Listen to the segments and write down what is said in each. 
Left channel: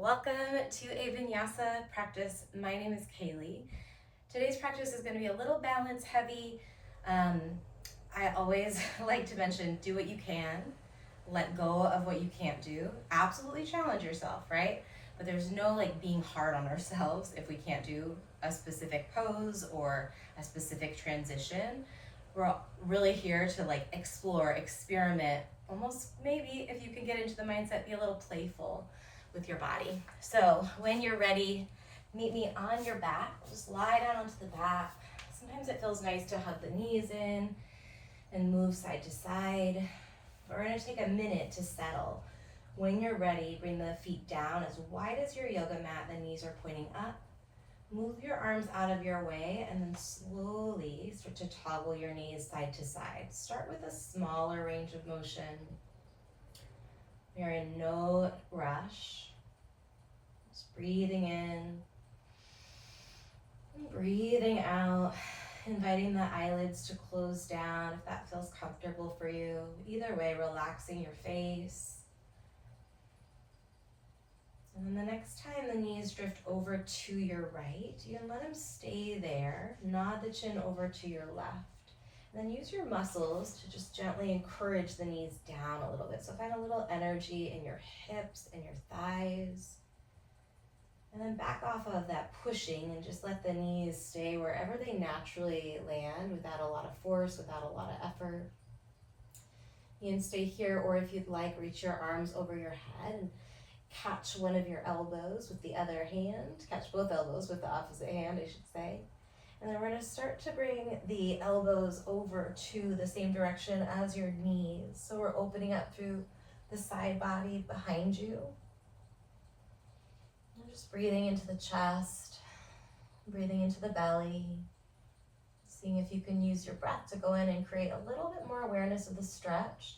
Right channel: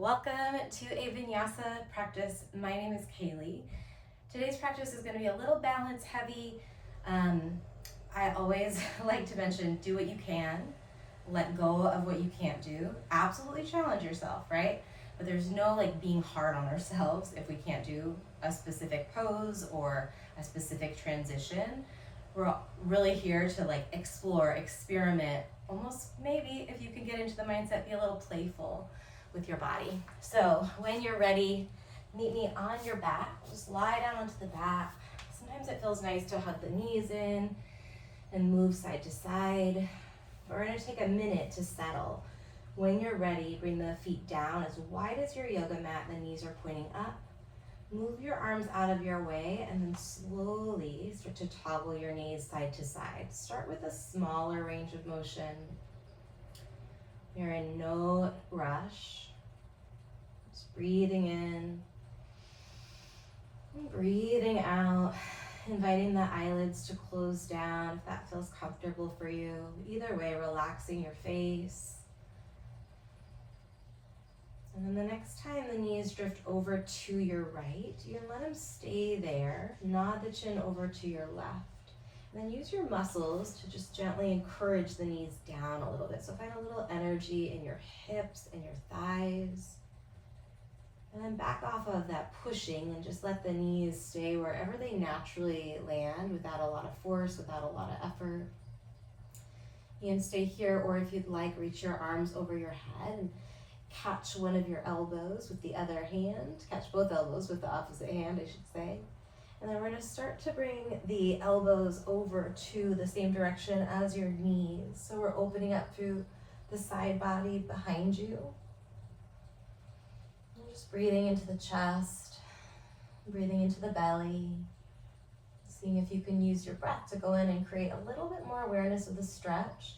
Welcome to a vinyasa practice. My name is Kaylee. Today's practice is going to be a little balance heavy. I always like to mention, do what you can, let go of what you can't do. Absolutely challenge yourself, right? But there's no like being hard on ourselves if we can't do a specific pose or a specific transition. We're really here to like explore, experiment, almost maybe if you can get into the mindset, be a little playful with your body. So when you're ready, meet me on your back. Just lie down onto the back. Sometimes it feels nice to hug the knees in and move side to side. But we're gonna take a minute to settle. When you're ready, bring the feet down as wide as your yoga mat. The knees are pointing up. Move your arms out of your way and then slowly start to toggle your knees side to side. Start with a smaller range of motion. You're in no rush. Just breathing in and breathing out, inviting the eyelids to close down if that feels comfortable for you. Either way, relaxing your face. And then the next time the knees drift over to your right, you can let them stay there. Nod the chin over to your left. And then use your muscles to just gently encourage the knees down a little bit. So find a little energy in your hips and your thighs. And then back off of that pushing and just let the knees stay wherever they naturally land without a lot of force, without a lot of effort. You can stay here, or if you'd like, reach your arms over your head and catch one of your elbows with the other hand. Catch both elbows with the opposite hand, I should say. And then we're going to start to bring the elbows over to the same direction as your knees. So we're opening up through the side body behind you. And just breathing into the chest, breathing into the belly. Seeing if you can use your breath to go in and create a little bit more awareness of the stretch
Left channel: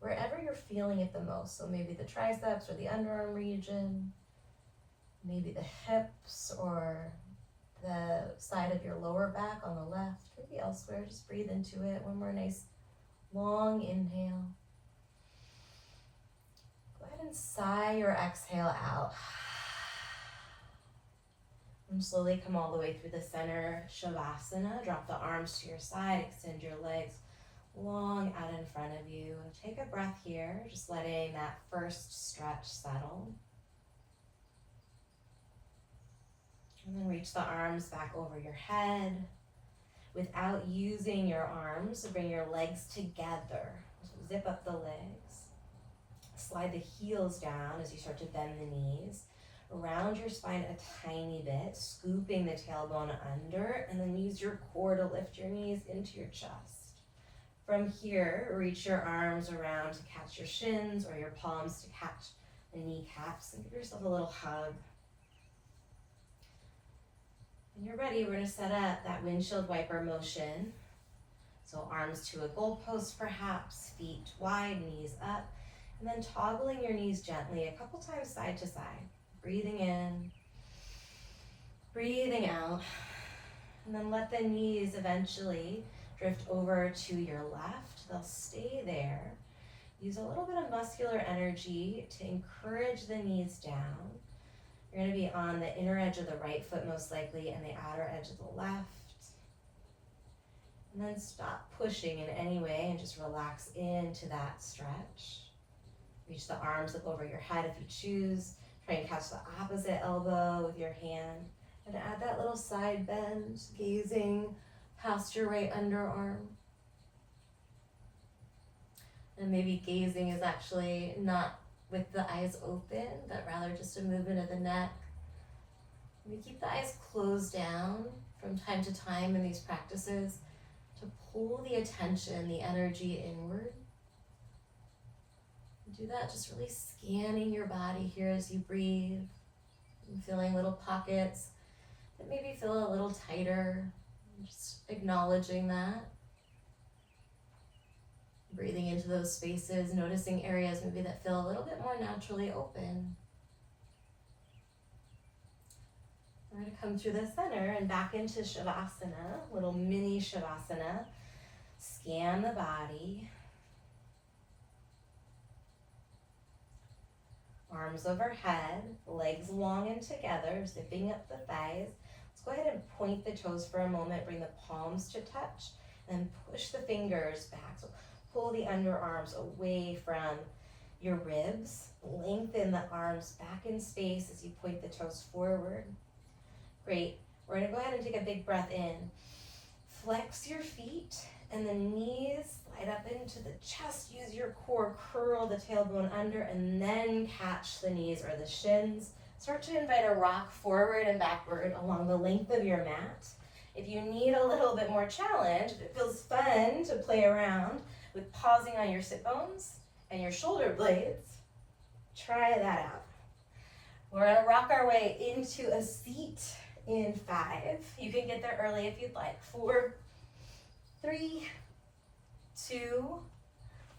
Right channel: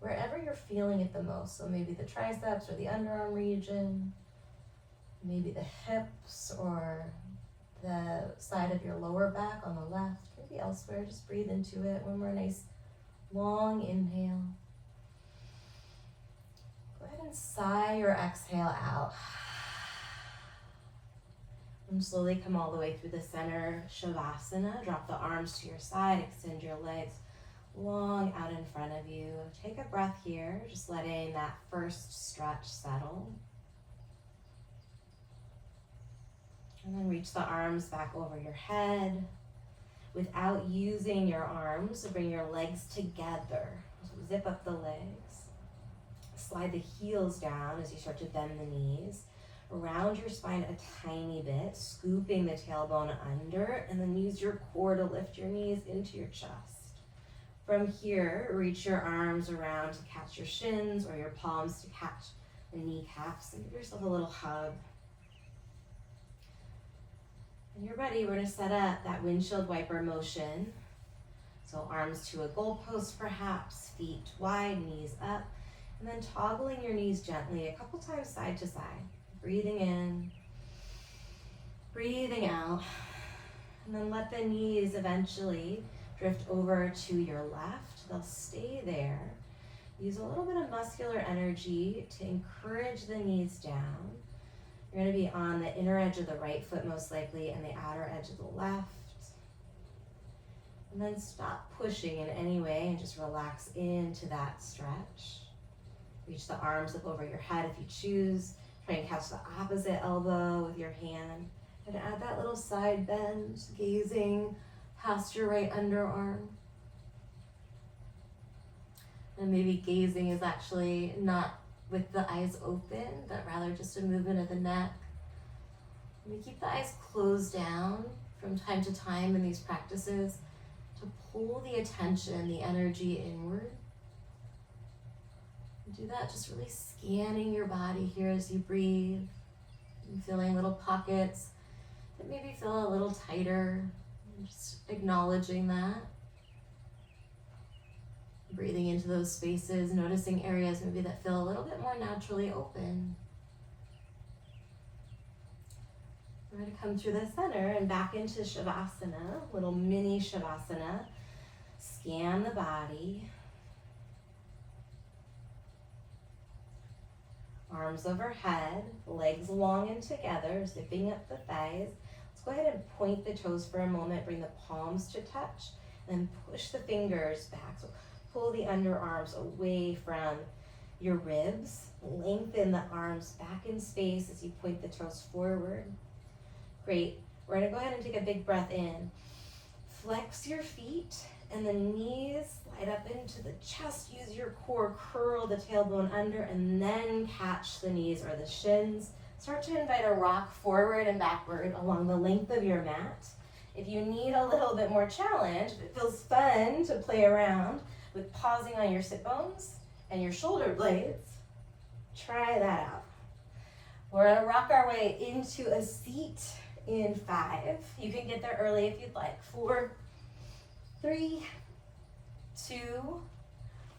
wherever you're feeling it the most. So maybe the triceps or the underarm region, maybe the hips or the side of your lower back on the left, could be elsewhere. Just breathe into it. One more nice long inhale. Go ahead and sigh or exhale out. And slowly come all the way through the center, Shavasana. Drop the arms to your side, extend your legs long out in front of you. Take a breath here, just letting that first stretch settle. And then reach the arms back over your head. Without using your arms, bring your legs together. So zip up the legs. Slide the heels down as you start to bend the knees. Around your spine a tiny bit, scooping the tailbone under, and then use your core to lift your knees into your chest. From here, reach your arms around to catch your shins or your palms to catch the kneecaps, and give yourself a little hug. When you're ready, we're going to set up that windshield wiper motion. So arms to a goalpost perhaps, feet wide, knees up, and then toggling your knees gently a couple times side to side. Breathing in, breathing out, and then let the knees eventually drift over to your left. They'll stay there. Use a little bit of muscular energy to encourage the knees down. You're going to be on the inner edge of the right foot most likely and the outer edge of the left. And then stop pushing in any way and just relax into that stretch. Reach the arms up over your head if you choose. Try and catch the opposite elbow with your hand. And add that little side bend, gazing past your right underarm. And maybe gazing is actually not with the eyes open, but rather just a movement of the neck. And we keep the eyes closed down from time to time in these practices to pull the attention, the energy inward. And do that just really scanning your body here as you breathe, and feeling little pockets that maybe feel a little tighter, just acknowledging that. Breathing into those spaces, noticing areas maybe that feel a little bit more naturally open. We're going to come through the center and back into Shavasana, little mini Shavasana. Scan the body. arms overhead, legs long and together, zipping up the thighs. Let's go ahead and point the toes for a moment, bring the palms to touch, and then push the fingers back. So pull the underarms away from your ribs. Lengthen the arms back in space as you point the toes forward. Great. We're going to go ahead and take a big breath in. Flex your feet and the knees slide up into the chest. Use your core, curl the tailbone under, and then catch the knees or the shins. Start to invite a rock forward and backward along the length of your mat. If you need a little bit more challenge, if it feels fun to play around with pausing on your sit bones and your shoulder blades, try that out. We're gonna rock our way into a seat in 5. You can get there early if you'd like. 4, 3, 2,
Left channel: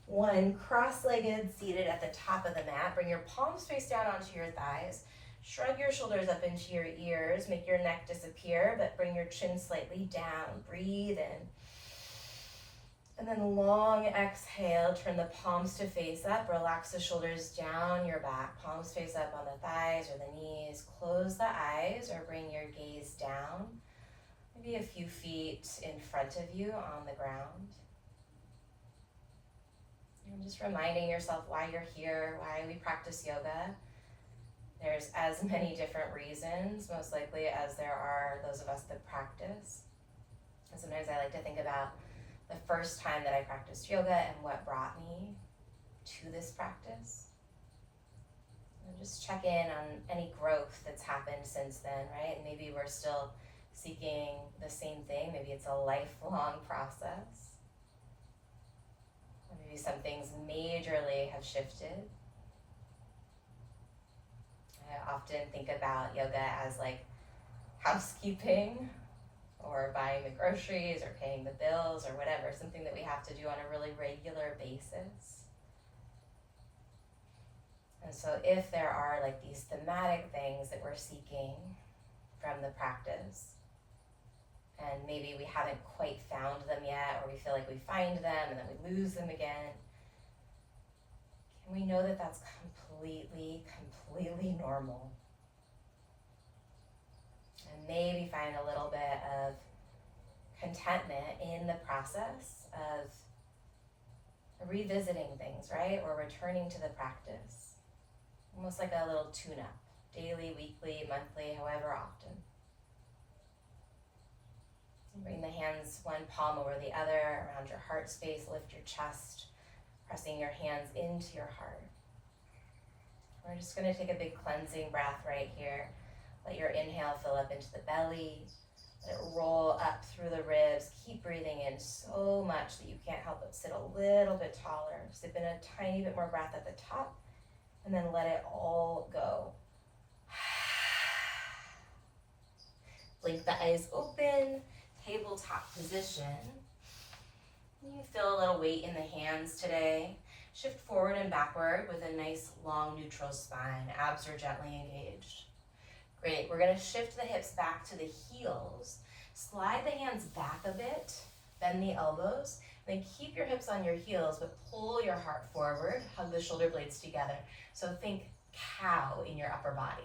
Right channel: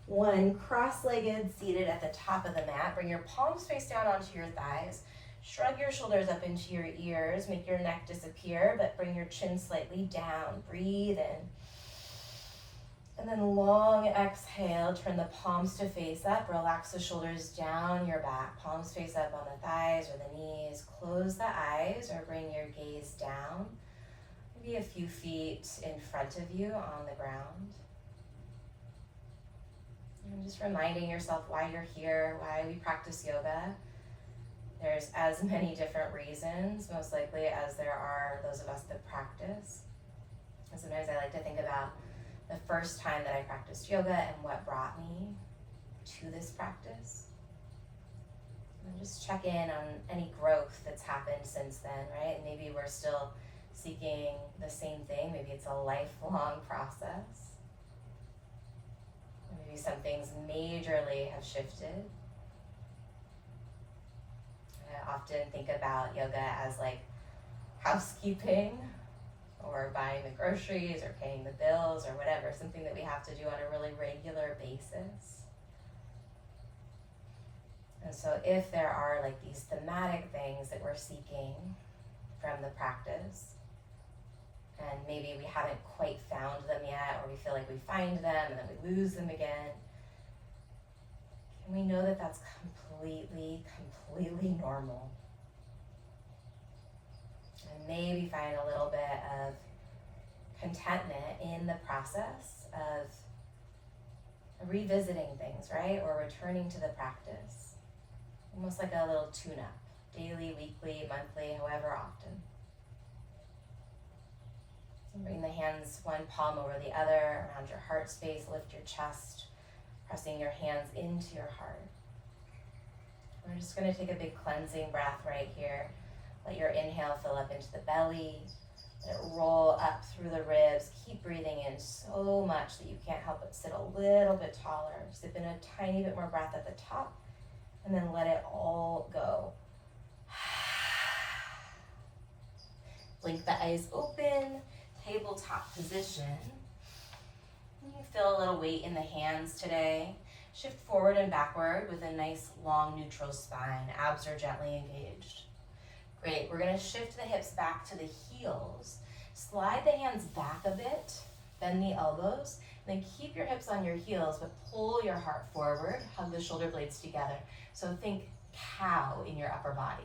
1. Cross-legged, seated at the top of the mat. Bring your palms face down onto your thighs. Shrug your shoulders up into your ears. Make your neck disappear, but bring your chin slightly down. Breathe in. And then long exhale, turn the palms to face up. Relax the shoulders down your back. Palms face up on the thighs or the knees. Close the eyes or bring your gaze down. Maybe a few feet in front of you on the ground. And just reminding yourself why you're here, why we practice yoga. There's as many different reasons, most likely, as there are those of us that practice. And sometimes I like to think about the first time that I practiced yoga and what brought me to this practice. And just check in on any growth that's happened since then, right? And maybe we're still seeking the same thing. Maybe it's a lifelong process. Maybe some things majorly have shifted. I often think about yoga as like housekeeping, or buying the groceries, or paying the bills, or whatever, something that we have to do on a really regular basis. And so if there are like these thematic things that we're seeking from the practice, and maybe we haven't quite found them yet, or we feel like we find them and then we lose them again, can we know that that's completely normal? And maybe find a little bit of contentment in the process of revisiting things, right? Or returning to the practice. Almost like a little tune-up, daily, weekly, monthly, however often. And bring the hands one palm over the other around your heart space. Lift your chest, pressing your hands into your heart. We're just going to take a big cleansing breath right here. Let your inhale fill up into the belly. Let it roll up through the ribs. Keep breathing in so much that you can't help but sit a little bit taller. Sip in a tiny bit more breath at the top, and then let it all go. Blink the eyes open, tabletop position. You feel a little weight in the hands today. Shift forward and backward with a nice long neutral spine. Abs are gently engaged. Great, we're gonna shift the hips back to the heels. Slide the hands back a bit, bend the elbows, then keep your hips on your heels, but pull your heart forward, hug the shoulder blades together. So think cow in your upper body.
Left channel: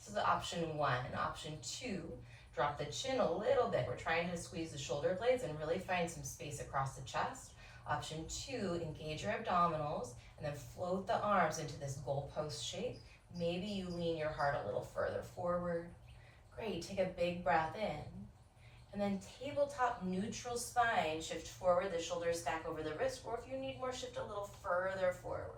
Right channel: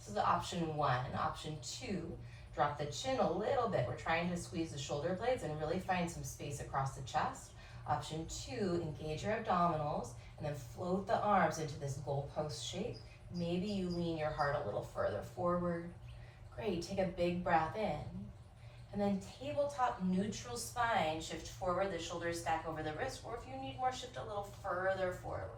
This is option 1. Option 2, drop the chin a little bit. We're trying to squeeze the shoulder blades and really find some space across the chest. Option 2, engage your abdominals and then float the arms into this goalpost shape. Maybe you lean your heart a little further forward. Great, take a big breath in. And then tabletop neutral spine, shift forward, the shoulders stack over the wrist, or if you need more, shift a little further forward.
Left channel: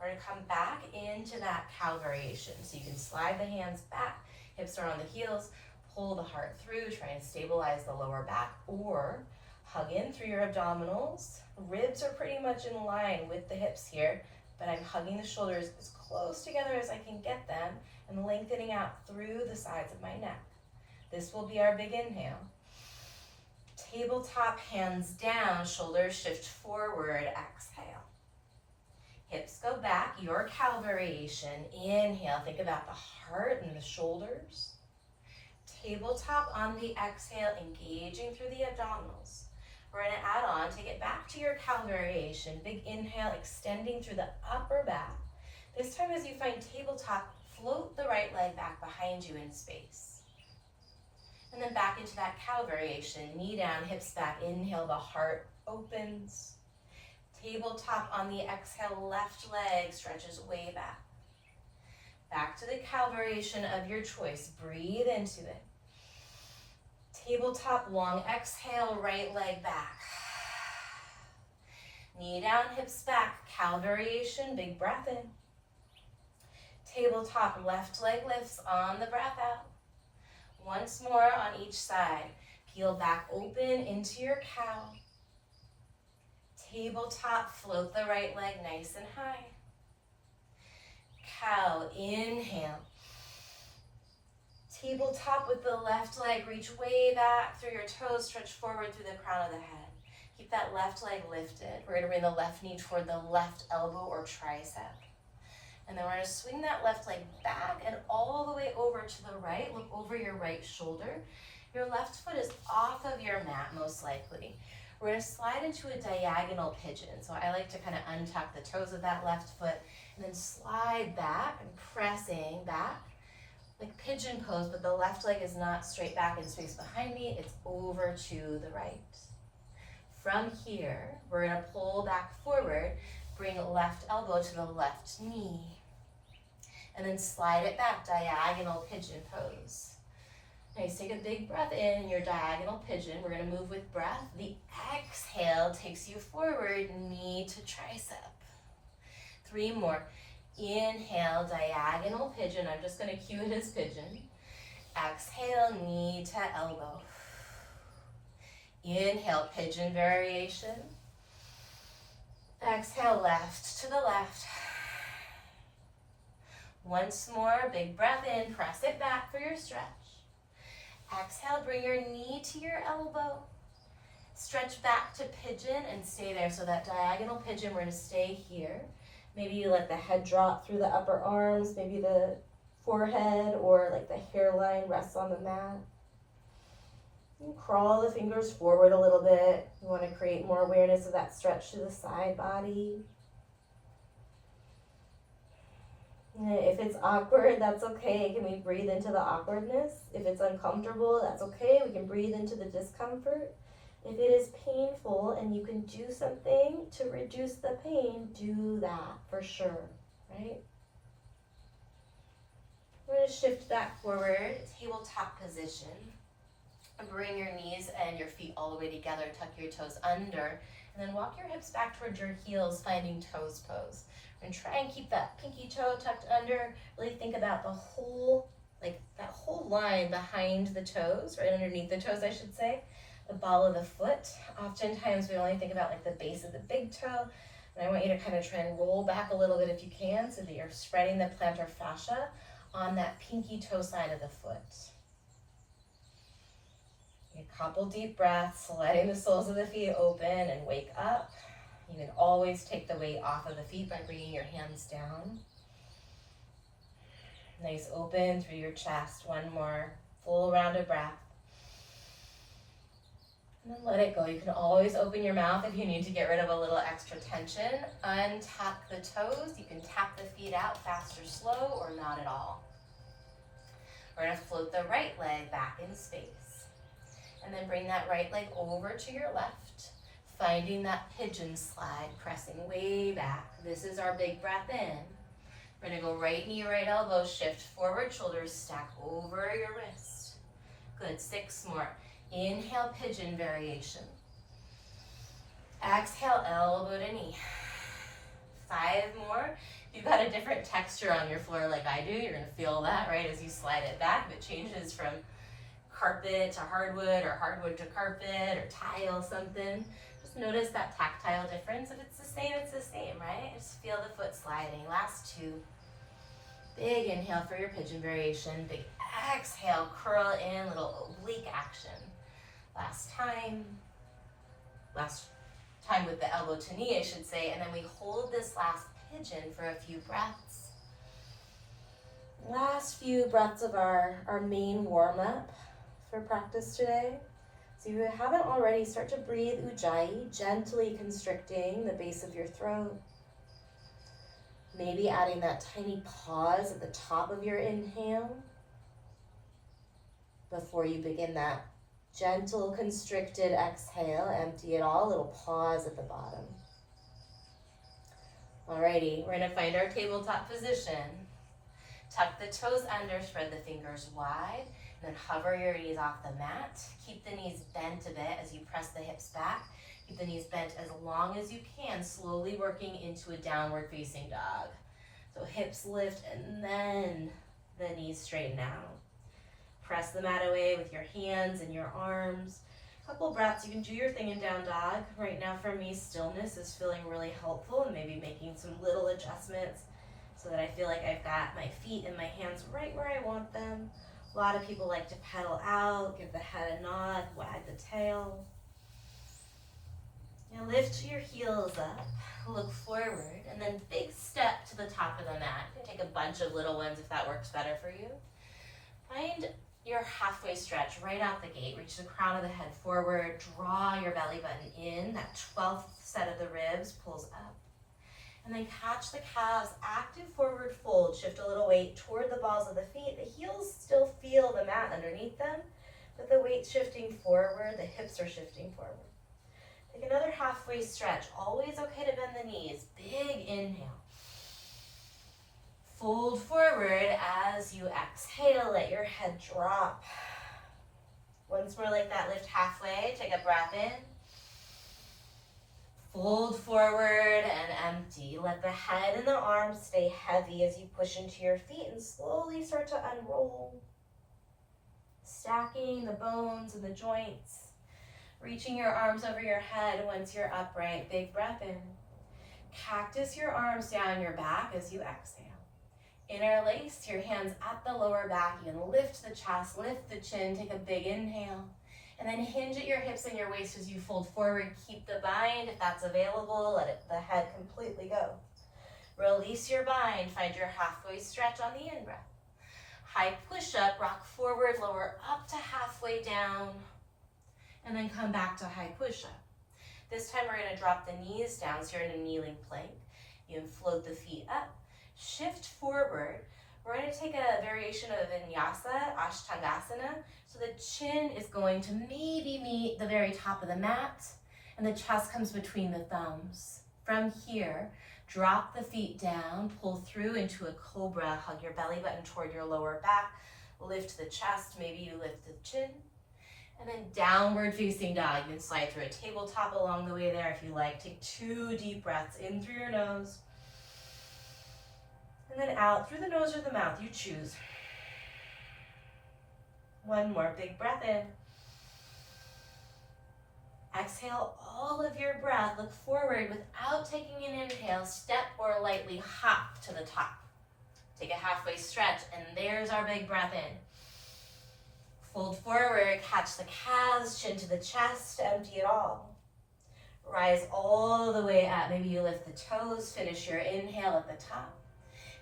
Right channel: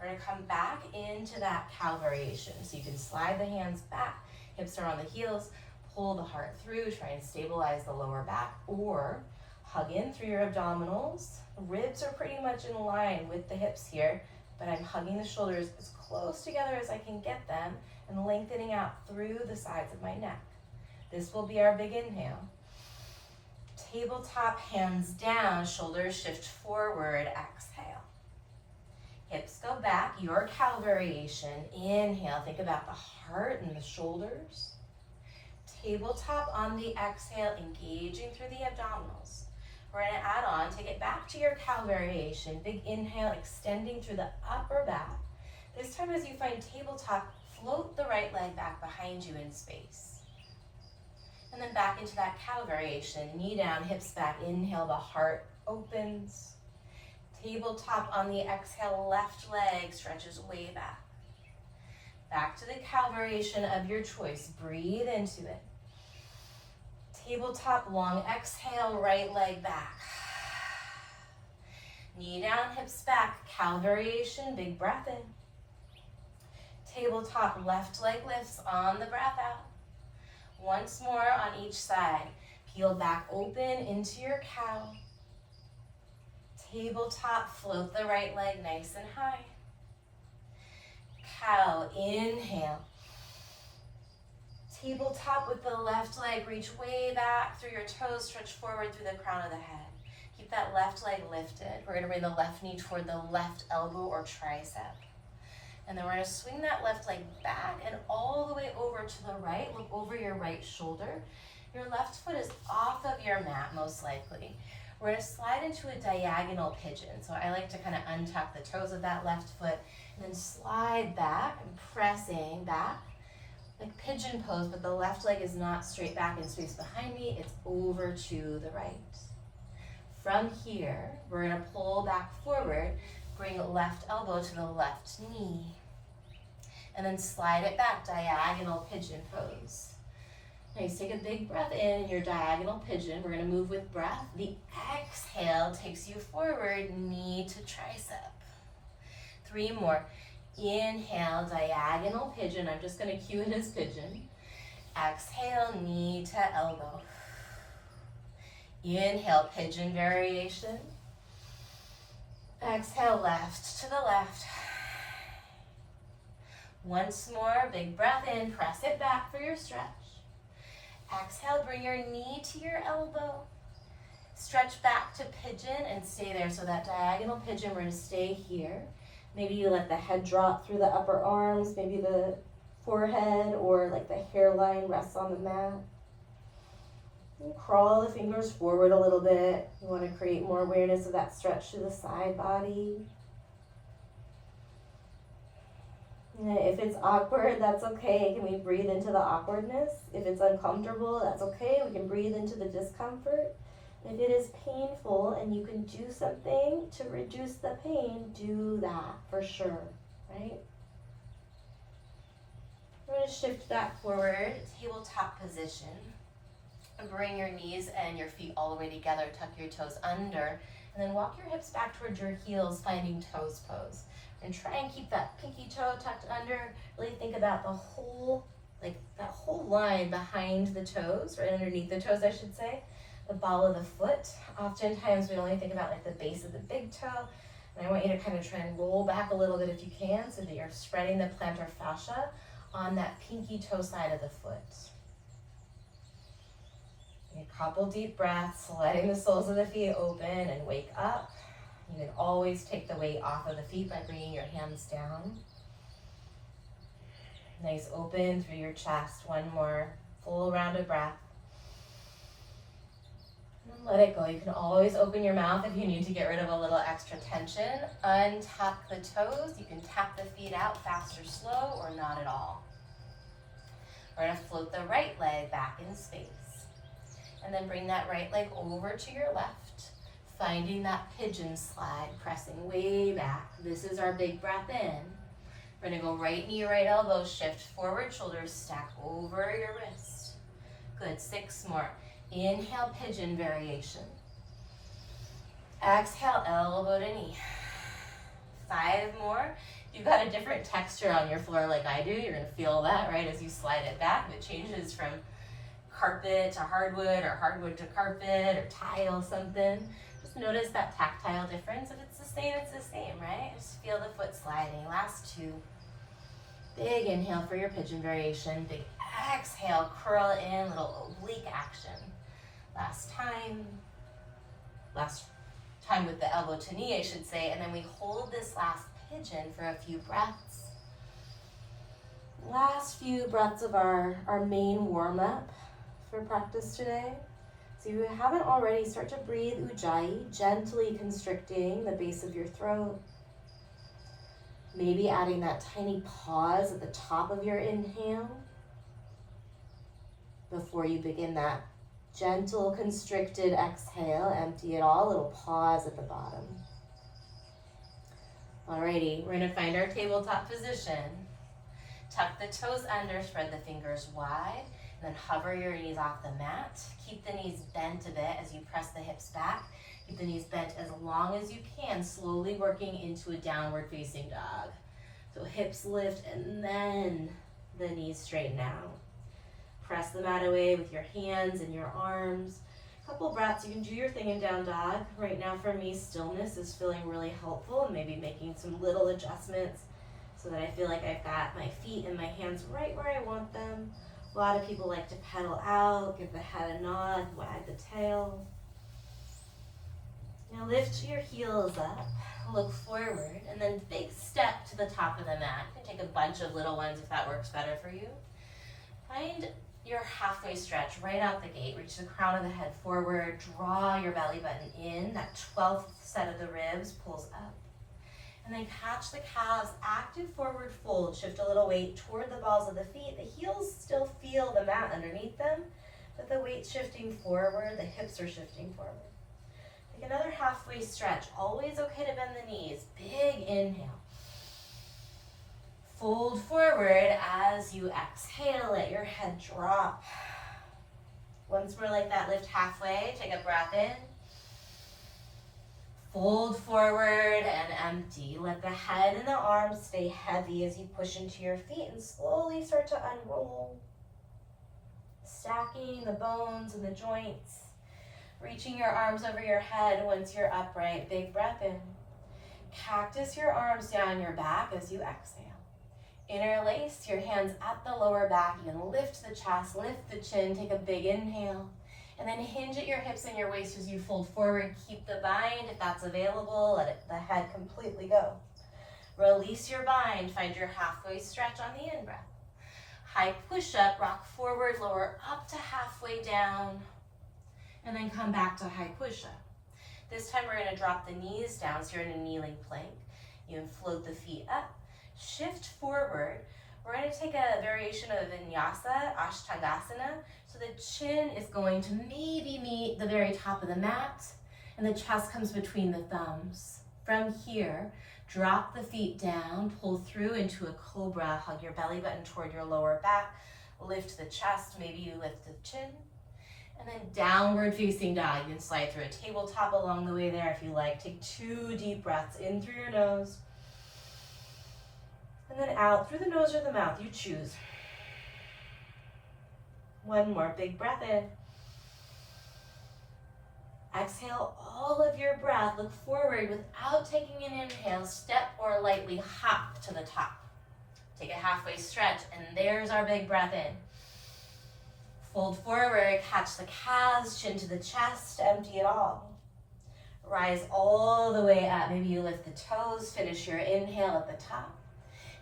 We're gonna come back into that cow variation. So you can slide the hands back, hips are on the heels, pull the heart through, try and stabilize the lower back, or hug in through your abdominals. Ribs are pretty much in line with the hips here, but I'm hugging the shoulders as close together as I can get them and lengthening out through the sides of my neck. This will be our big inhale. Tabletop, hands down, shoulders shift forward, exhale. Hips go back, your cow variation. Inhale, think about the heart and the shoulders. Tabletop on the exhale, engaging through the abdominals. We're gonna add on, take it back to your cow variation. Big inhale, extending through the upper back. This time as you find tabletop, float the right leg back behind you in space. And then back into that cow variation. Knee down, hips back. Inhale, the heart opens. Tabletop on the exhale, left leg stretches way back. Back to the cow variation of your choice. Breathe into it. Tabletop, long exhale, right leg back. Knee down, hips back, cow variation, big breath in. Tabletop, left leg lifts on the breath out. Once more on each side. Peel back open into your cow. Tabletop, float the right leg nice and high. Cow, inhale. Tabletop with the left leg, reach way back through your toes, stretch forward through the crown of the head. Keep that left leg lifted. We're gonna bring the left knee toward the left elbow or tricep. And then we're gonna swing that left leg back and all the way over to the right. Look over your right shoulder. Your left foot is off of your mat, most likely. We're gonna slide into a diagonal pigeon. So I like to kind of untuck the toes of that left foot and then slide back and pressing back. Like pigeon pose, but the left leg is not straight back in space behind me, it's over to the right. From here, we're gonna pull back forward, bring left elbow to the left knee, and then slide it back, diagonal pigeon pose. Nice, take a big breath in, your diagonal pigeon. We're gonna move with breath. The exhale takes you forward, knee to tricep. 3 more. Inhale, diagonal pigeon. I'm just gonna cue it as pigeon. Exhale, knee to elbow. Inhale, pigeon variation. Exhale, left to the left. Once more, big breath in, press it back for your stretch. Exhale, bring your knee to your elbow. Stretch back to pigeon and stay there. So that diagonal pigeon, we're gonna stay here. Maybe you let the head drop through the upper arms, maybe the forehead or like the hairline rests on the mat. And crawl the fingers forward a little bit. You want to create more awareness of that stretch to the side body. And if it's awkward, that's okay. Can we breathe into the awkwardness? If it's uncomfortable, that's okay. We can breathe into the discomfort. If it is painful and you can do something to reduce the pain, do that for sure, right? We're going to shift back forward, tabletop position. Bring your knees and your feet all the way together, tuck your toes under, and then walk your hips back towards your heels, finding toes pose. And try and keep that pinky toe tucked under. Really think about the whole, like that whole line behind the toes, right underneath the toes, I should say. The ball of the foot. Oftentimes we only think about like the base of the big toe. And I want you to kind of try and roll back a little bit if you can so that you're spreading the plantar fascia on that pinky toe side of the foot. A couple deep breaths, letting the soles of the feet open and wake up. You can always take the weight off of the feet by bringing your hands down. Nice open through your chest. One more full round of breath. And then let it go. You can always open your mouth if you need to get rid of a little extra tension. Untuck the toes. You can tap the feet out fast or slow or not at all. We're going to float the right leg back in space. And then bring that right leg over to your left, finding that pigeon slide, pressing way back. This is our big breath in. We're gonna go right knee, right elbow, shift forward, shoulders stack over your wrist. Good, 6 more. Inhale, pigeon variation. Exhale, elbow to knee. 5 more. If you've got a different texture on your floor like I do, you're gonna feel that, right, as you slide it back. If it changes from carpet to hardwood or hardwood to carpet or tile something, just notice that tactile difference. If it's the same, it's the same, right? Just feel the foot sliding. Last 2. Big inhale for your pigeon variation. Big exhale, curl in, little oblique action. Last time with the elbow to knee, I should say, and then we hold this last pigeon for a few breaths. Last few breaths of our main warm-up for practice today. So if you haven't already, start to breathe Ujjayi, gently constricting the base of your throat. Maybe adding that tiny pause at the top of your inhale before you begin that gentle, constricted exhale. Empty it all, little pause at the bottom. Alrighty, we're gonna find our tabletop position. Tuck the toes under, spread the fingers wide, and then hover your knees off the mat. Keep the knees bent a bit as you press the hips back. Keep the knees bent as long as you can, slowly working into a downward facing dog. So hips lift and then the knees straighten out. Press the mat away with your hands and your arms. Couple breaths, you can do your thing in down dog. Right now for me, stillness is feeling really helpful, and maybe making some little adjustments so that I feel like I've got my feet and my hands right where I want them. A lot of people like to pedal out, give the head a nod, wag the tail. Now lift your heels up, look forward, and then big step to the top of the mat. You can take a bunch of little ones if that works better for you. Find your halfway stretch right out the gate. Reach the crown of the head forward, draw your belly button in. That 12th set of the ribs pulls up. And then catch the calves, active forward fold. Shift a little weight toward the balls of the feet. The heels still feel the mat underneath them, but the weight's shifting forward, the hips are shifting forward. Take another halfway stretch. Always okay to bend the knees. Big inhale. Fold forward as you exhale, let your head drop. Once more like that, lift halfway, take a breath in. Fold forward and empty. Let the head and the arms stay heavy as you push into your feet and slowly start to unroll. Stacking the bones and the joints. Reaching your arms over your head once you're upright. Big breath in. Cactus your arms down your back as you exhale. Interlace your hands at the lower back. You can lift the chest, lift the chin, take a big inhale. And then hinge at your hips and your waist as you fold forward. Keep the bind if that's available. Let the head completely go. Release your bind. Find your halfway stretch on the in-breath. High push-up, rock forward, lower up to halfway down. And then come back to high push-up. This time we're going to drop the knees down, so you're in a kneeling plank. You can float the feet up. Shift forward. We're going to take a variation of vinyasa, Ashtangasana. So the chin is going to maybe meet the very top of the mat, and the chest comes between the thumbs. From here, drop the feet down, pull through into a cobra, hug your belly button toward your lower back, lift the chest, maybe you lift the chin, and then downward facing dog. You can slide through a tabletop along the way there if you like. Take 2 deep breaths in through your nose, and then out through the nose or the mouth, you choose. One more big breath in. Exhale all of your breath. Look forward without taking an inhale. Step or lightly hop to the top. Take a halfway stretch, and there's our big breath in. Fold forward, catch the calves, chin to the chest, empty it all. Rise all the way up. Maybe you lift the toes, finish your inhale at the top.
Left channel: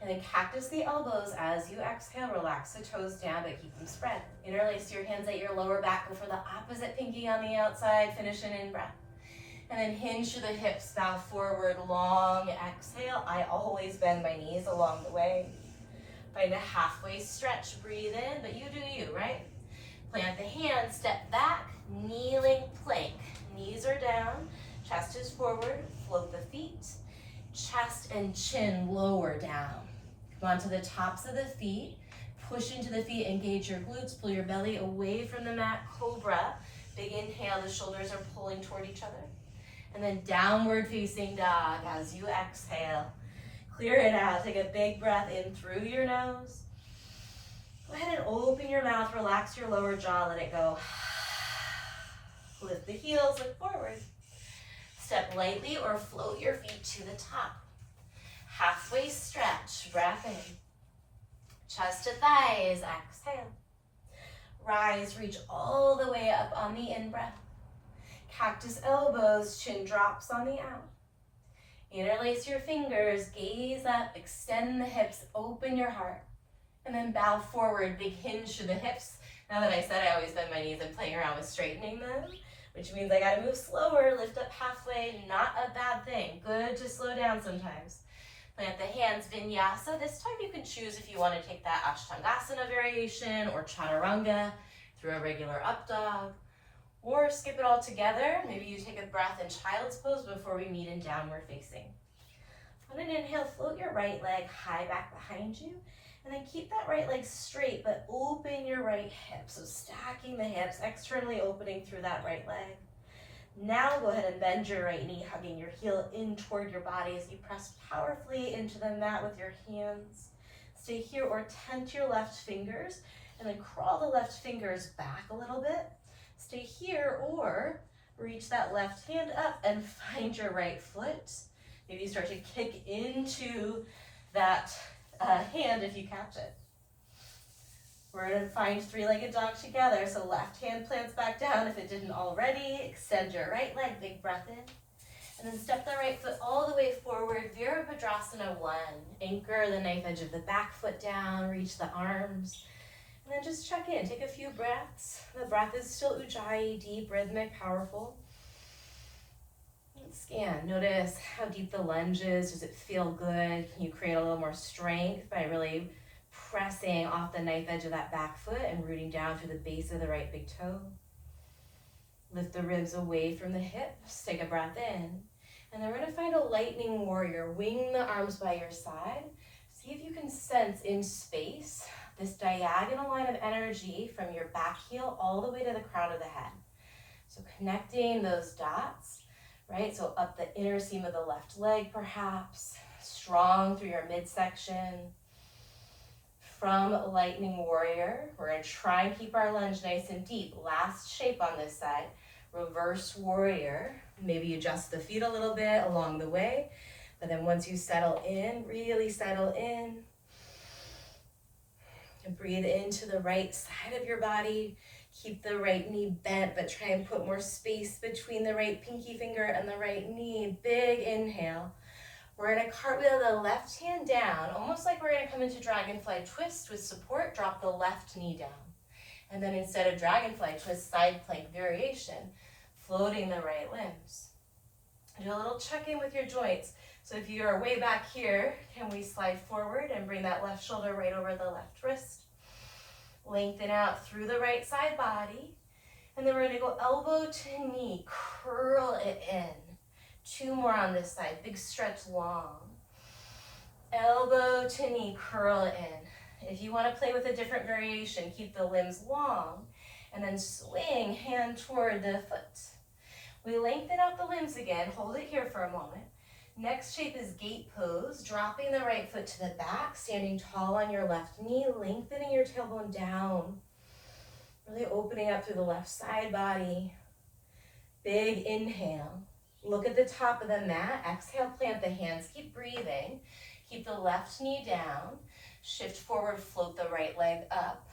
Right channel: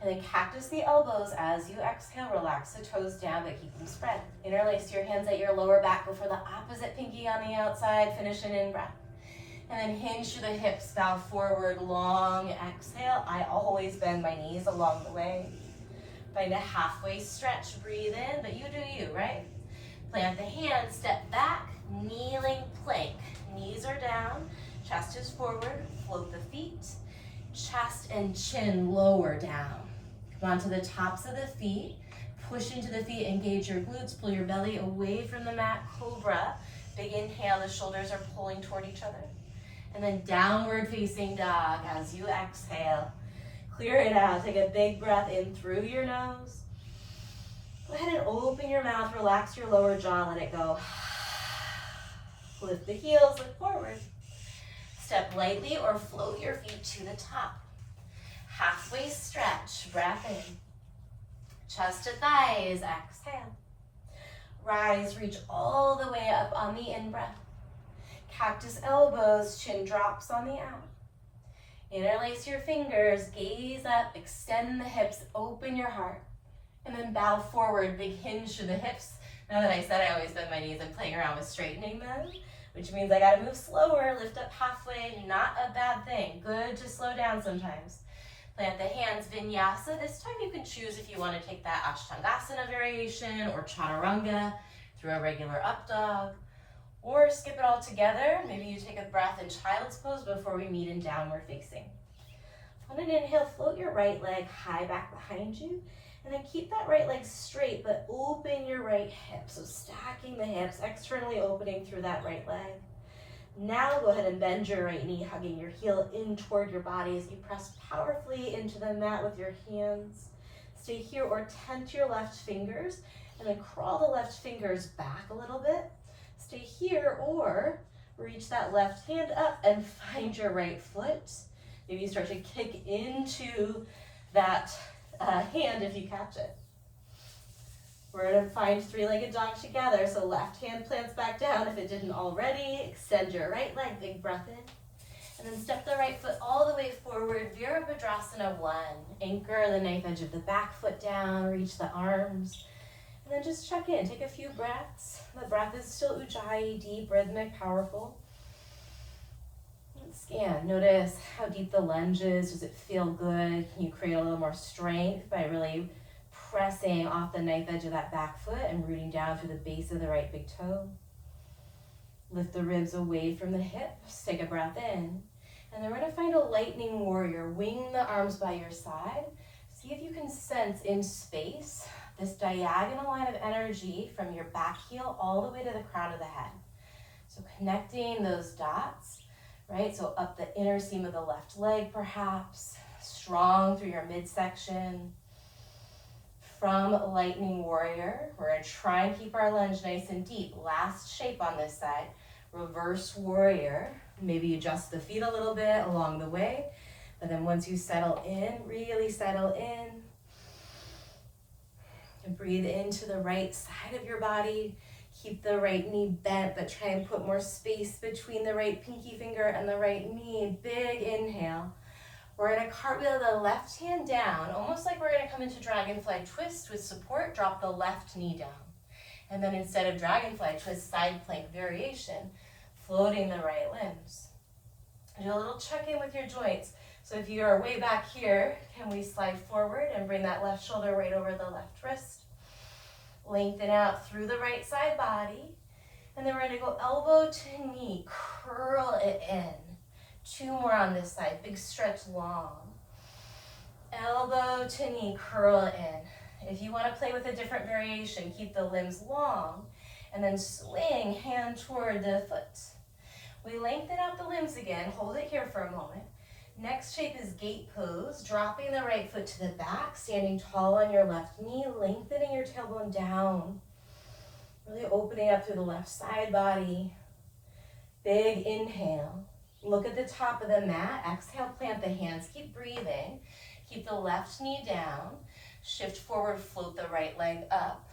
And then cactus the elbows as you exhale. Relax the toes down, but keep them spread. Interlace your hands at your lower back. Go for the opposite pinky on the outside. Finish an in-breath. And then hinge through the hips, bow forward, long exhale. I always bend my knees along the way. Find a halfway stretch. Breathe in, but you do you, right? Plant the hands, step back, kneeling plank. Knees are down, chest is forward, float the feet. Chest and chin lower down. Come onto the tops of the feet. Push into the feet, engage your glutes, pull your belly away from the mat, cobra. Big inhale, the shoulders are pulling toward each other. And then downward facing dog as you exhale. Clear it out, take a big breath in through your nose. Go ahead and open your mouth, relax your lower jaw, let it go. Lift the heels, look forward. Step lightly or float your feet to the top. Halfway stretch, breath in. Chest to thighs, exhale. Rise, reach all the way up on the in-breath. Cactus elbows, chin drops on the out. Interlace your fingers, gaze up, extend the hips, open your heart. And then bow forward, big hinge to the hips. Now that I said I always bend my knees, I'm playing around with straightening them, which means I gotta move slower, lift up halfway, not a bad thing. Good to slow down sometimes. Plant the hands, vinyasa. This time you can choose if you want to take that Ashtangasana variation or chaturanga through a regular up dog, or skip it all together. Maybe you take a breath in child's pose before we meet in downward facing. On an inhale, float your right leg high back behind you, and then keep that right leg straight, but open your right hip. So stacking the hips, externally opening through that right leg. Now go ahead and bend your right knee, hugging your heel in toward your body as you press powerfully into the mat with your hands. Stay here or tent your left fingers, and then crawl the left fingers back a little bit. Stay here or reach that left hand up and find your right foot. Maybe start to kick into that hand if you catch it. We're going to find three-legged dog together. So left hand plants back down if it didn't already. Extend your right leg, big breath in. And then step the right foot all the way forward, Virabhadrasana 1. Anchor the knife edge of the back foot down, reach the arms. And then just check in, take a few breaths. The breath is still Ujjayi, deep, rhythmic, powerful. Scan, notice how deep the lunge is. Does it feel good? Can you create a little more strength by really pressing off the knife edge of that back foot and rooting down through the base of the right big toe? Lift the ribs away from the hips. Take a breath in. And then we're going to find a lightning warrior. Wing the arms by your side. See if you can sense in space this diagonal line of energy from your back heel all the way to the crown of the head. So connecting those dots, right? So up the inner seam of the left leg perhaps, strong through your midsection. From lightning warrior, we're going to try and keep our lunge nice and deep. Last shape on this side, reverse warrior. Maybe adjust the feet a little bit along the way, but then once you settle in, really settle in, and breathe into the right side of your body. Keep the right knee bent, but try and put more space between the right pinky finger and the right knee. Big inhale. We're going to cartwheel the left hand down, almost like we're going to come into dragonfly twist with support. Drop the left knee down. And then instead of dragonfly twist, side plank variation, floating the right limbs. Do a little check-in with your joints. So if you are way back here, can we slide forward and bring that left shoulder right over the left wrist? Lengthen out through the right side body. And then we're going to go elbow to knee, curl it in. 2 more on this side, big stretch long. Elbow to knee, curl it in. If you want to play with a different variation, keep the limbs long. And then swing hand toward the foot. We lengthen out the limbs again. Hold it here for a moment. Next shape is gate pose, dropping the right foot to the back, standing tall on your left knee, lengthening your tailbone down. Really opening up through the left side body. Big inhale. Look at the top of the mat. Exhale, plant the hands. Keep breathing. Keep the left knee down. Shift forward, float the right leg up.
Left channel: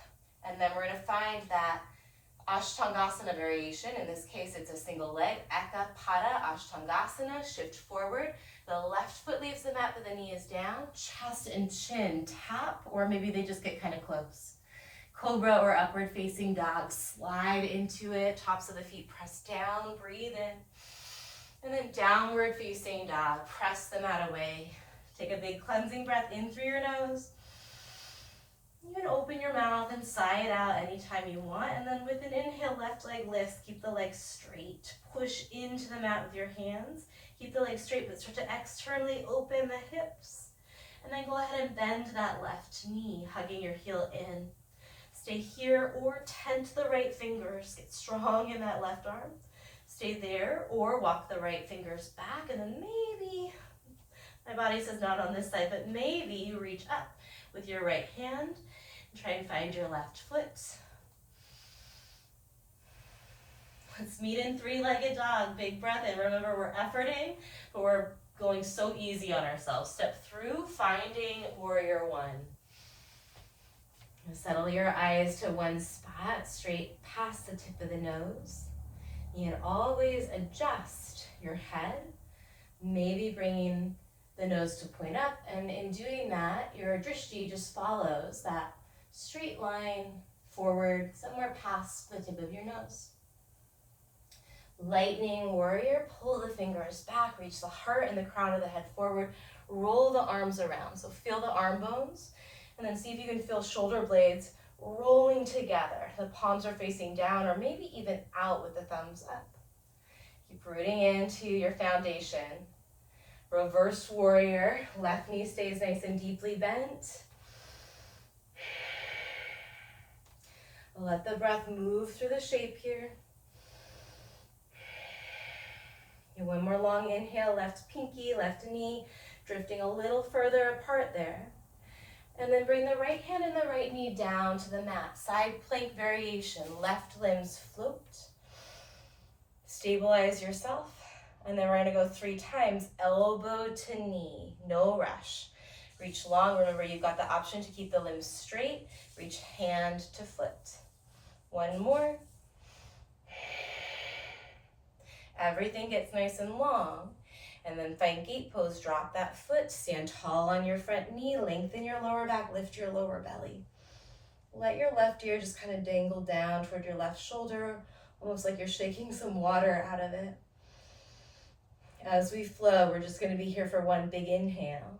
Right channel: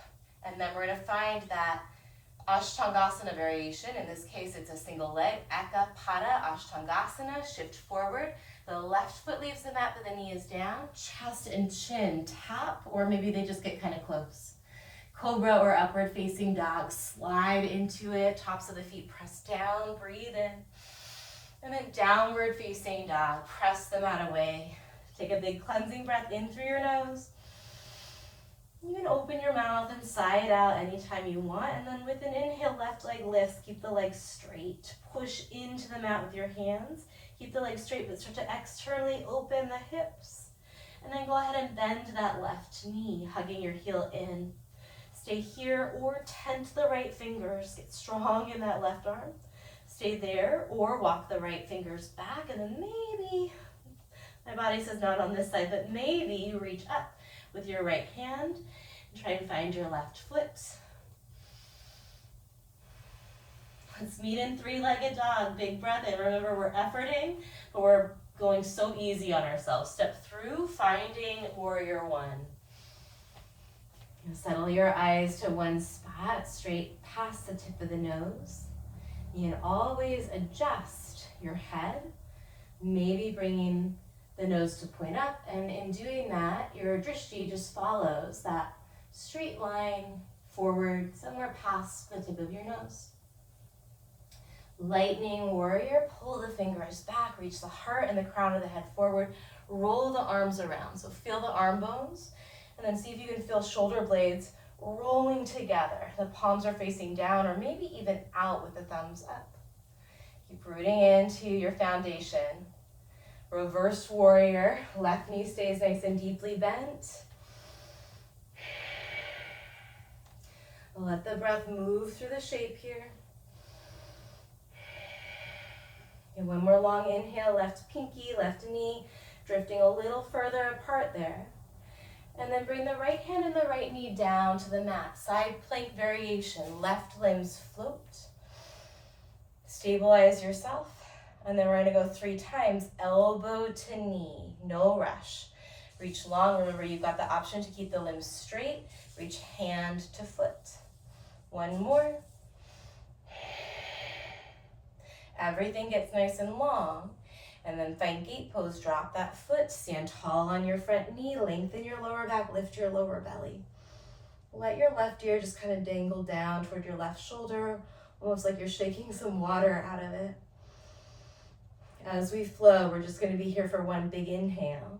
And then we're going to find that Ashtangasana variation. In this case, it's a single leg. Eka Pada Ashtangasana. Shift forward. The left foot leaves the mat, but the knee is down. Chest and chin tap, or maybe they just get kind of close. Cobra or upward facing dog. Slide into it. Tops of the feet press down. Breathe in. And then downward facing dog. Press the mat away. Take a big cleansing breath in through your nose. You can open your mouth and sigh it out anytime you want. And then with an inhale, left leg lifts. Keep the leg straight. Push into the mat with your hands. Keep the leg straight, but start to externally open the hips. And then go ahead and bend that left knee, hugging your heel in. Stay here or tent the right fingers. Get strong in that left arm. Stay there or walk the right fingers back. And then maybe, my body says not on this side, but maybe you reach up with your right hand and try and find your left foot. Let's meet in 3-legged dog. Big breath in. Remember, we're efforting, but we're going so easy on ourselves. Step through, finding warrior 1. Settle your eyes to one spot, straight past the tip of the nose. You can always adjust your head, maybe bringing the nose to point up, and in doing that, your drishti just follows that straight line forward, somewhere past the tip of your nose. Lightning warrior, pull the fingers back, reach the heart and the crown of the head forward, roll the arms around. So feel the arm bones, and then see if you can feel shoulder blades rolling together. The palms are facing down or maybe even out with the thumbs up. Keep rooting into your foundation. Reverse warrior, left knee stays nice and deeply bent. Let the breath move through the shape here. And one more long inhale, left pinky, left knee, drifting a little further apart there. And then bring the right hand and the right knee down to the mat. Side plank variation, left limbs float. Stabilize yourself. And then we're gonna go 3 times, elbow to knee, no rush. Reach long, remember you've got the option to keep the limbs straight. Reach hand to foot. One more. Everything gets nice and long. And then find gate pose, drop that foot, stand tall on your front knee, lengthen your lower back, lift your lower belly. Let your left ear just kind of dangle down toward your left shoulder, almost like you're shaking some water out of it. As we flow, we're just gonna be here for one big inhale.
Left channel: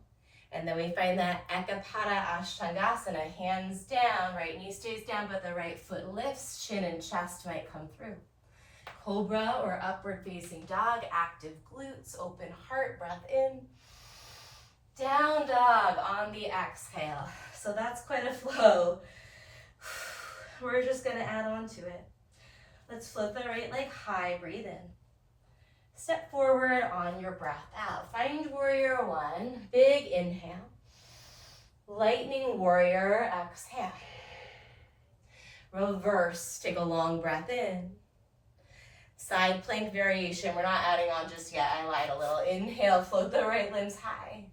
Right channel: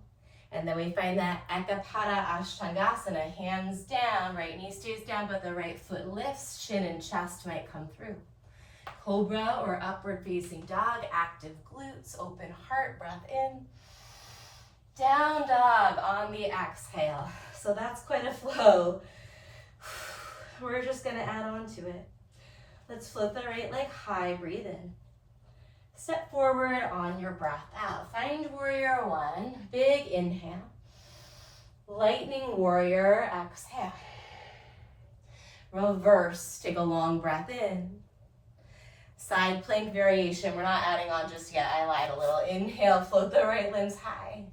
And then we find that Eka Pada Ashtangasana, hands down, right knee stays down, but the right foot lifts, chin and chest might come through. Cobra or upward facing dog, active glutes, open heart, breath in. Down dog on the exhale. So that's quite a flow. We're just gonna add on to it. Let's float the right leg high, breathe in. Step forward on your breath out. Find warrior one, big inhale. Lightning warrior, exhale. Reverse, take a long breath in. Side plank variation, we're not adding on just yet, I lied a little. Inhale, float the right limbs high.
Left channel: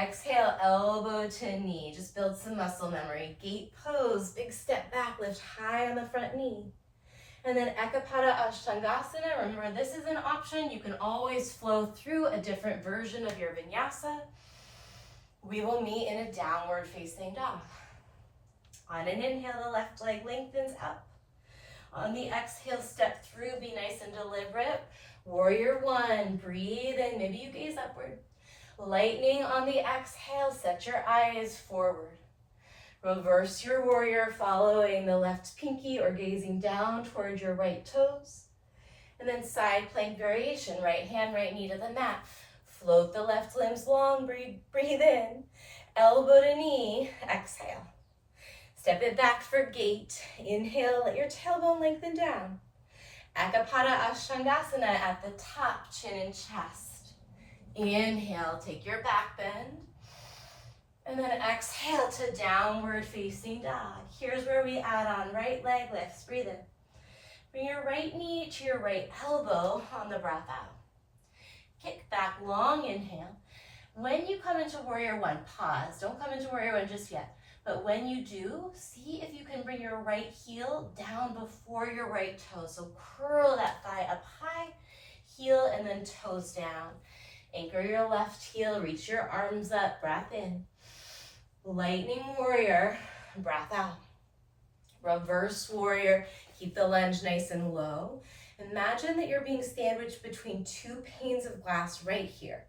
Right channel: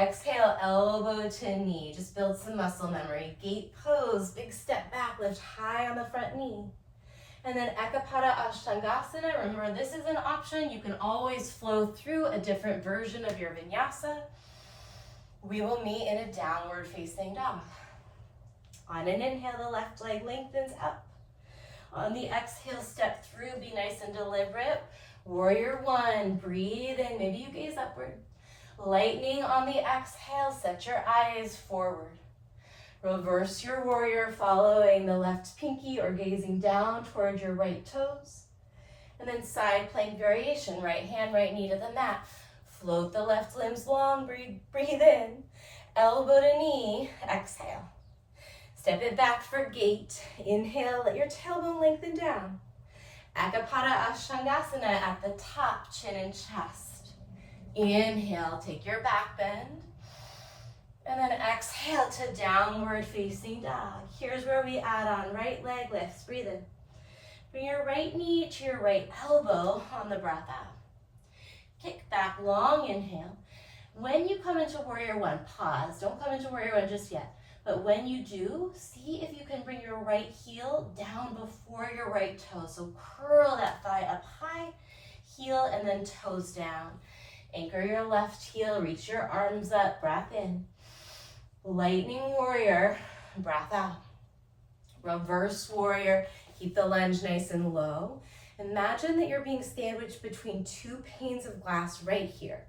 Exhale, elbow to knee, just build some muscle memory. Gate pose, big step back, lift high on the front knee. And then Eka Pada Ashtangasana, remember this is an option, you can always flow through a different version of your vinyasa. We will meet in a downward facing dog. On an inhale, the left leg lengthens up. On the exhale, step through, be nice and deliberate. Warrior one, breathe in, maybe you gaze upward. Lightning on the exhale, set your eyes forward. Reverse your warrior, following the left pinky or gazing down toward your right toes. And then side plank variation, right hand, right knee to the mat. Float the left limbs long, breathe in. Elbow to knee, exhale. Step it back for gate. Inhale, let your tailbone lengthen down. Eka Pada Ashtangasana at the top, chin and chest. Inhale, take your back bend. And then exhale to downward facing dog. Here's where we add on right leg lifts, breathe in. Bring your right knee to your right elbow on the breath out. Kick back, long inhale. When you come into warrior one, pause. Don't come into warrior one just yet. But when you do, see if you can bring your right heel down before your right toe. So curl that thigh up high, heel and then toes down. Anchor your left heel, reach your arms up, breath in. Lightning warrior, breath out. Reverse warrior, keep the lunge nice and low. Imagine that you're being sandwiched between 2 panes of glass right here.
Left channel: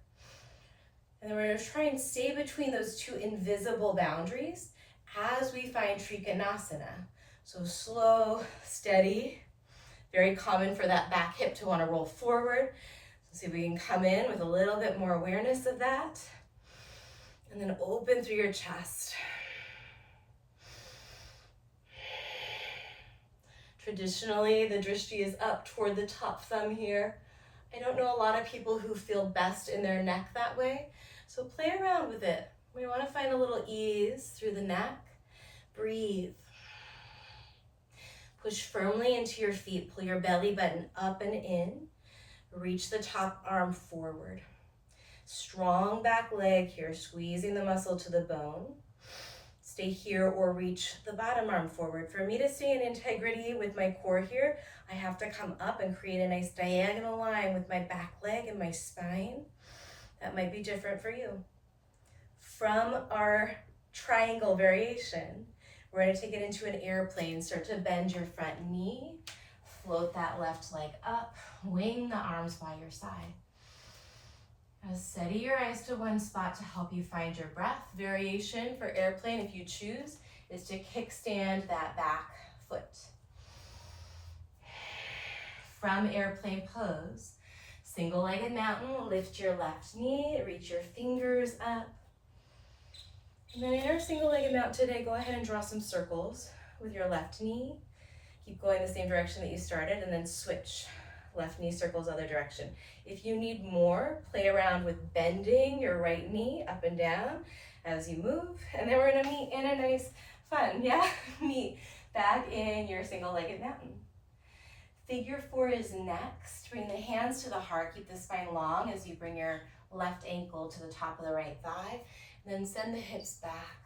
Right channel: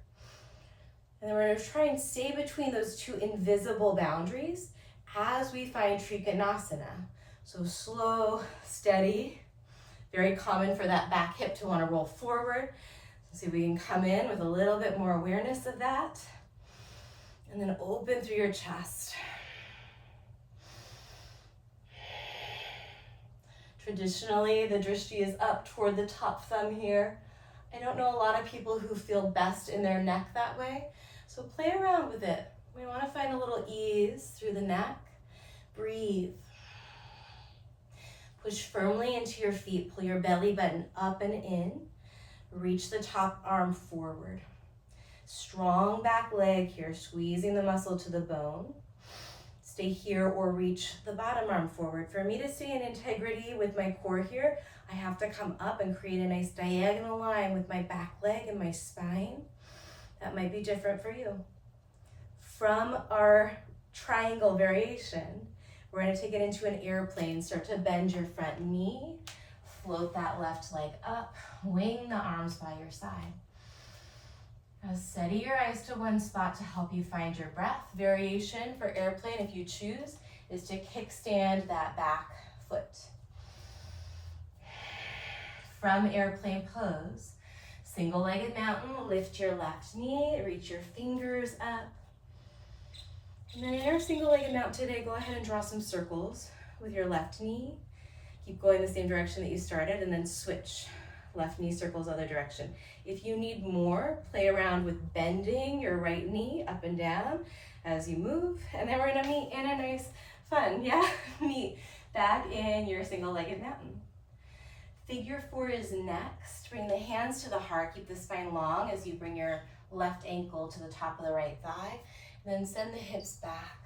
And then we're gonna try and stay between those 2 invisible boundaries as we find Trikonasana. So slow, steady, very common for that back hip to wanna roll forward. So see if we can come in with a little bit more awareness of that. And then open through your chest. Traditionally, the drishti is up toward the top thumb here. I don't know a lot of people who feel best in their neck that way, so play around with it. We want to find a little ease through the neck. Breathe. Push firmly into your feet. Pull your belly button up and in. Reach the top arm forward. Strong back leg here, squeezing the muscle to the bone. Stay here or reach the bottom arm forward. For me to stay in integrity with my core here, I have to come up and create a nice diagonal line with my back leg and my spine. That might be different for you. From our triangle variation, we're going to take it into an airplane. Start to bend your front knee. Float that left leg up. Wing the arms by your side. Now steady your eyes to one spot to help you find your breath. Variation for airplane, if you choose, is to kickstand that back foot. From airplane pose, single-legged mountain, lift your left knee, reach your fingers up. And then in our single-legged mountain today, go ahead and draw some circles with your left knee. Keep going the same direction that you started, and then switch. Left knee circles other direction. If you need more, play around with bending your right knee up and down as you move. And then we're gonna meet in a nice, fun, meet back in your single-legged mountain. Figure 4 is next. Bring the hands to the heart. Keep the spine long as you bring your left ankle to the top of the right thigh. Then send the hips back.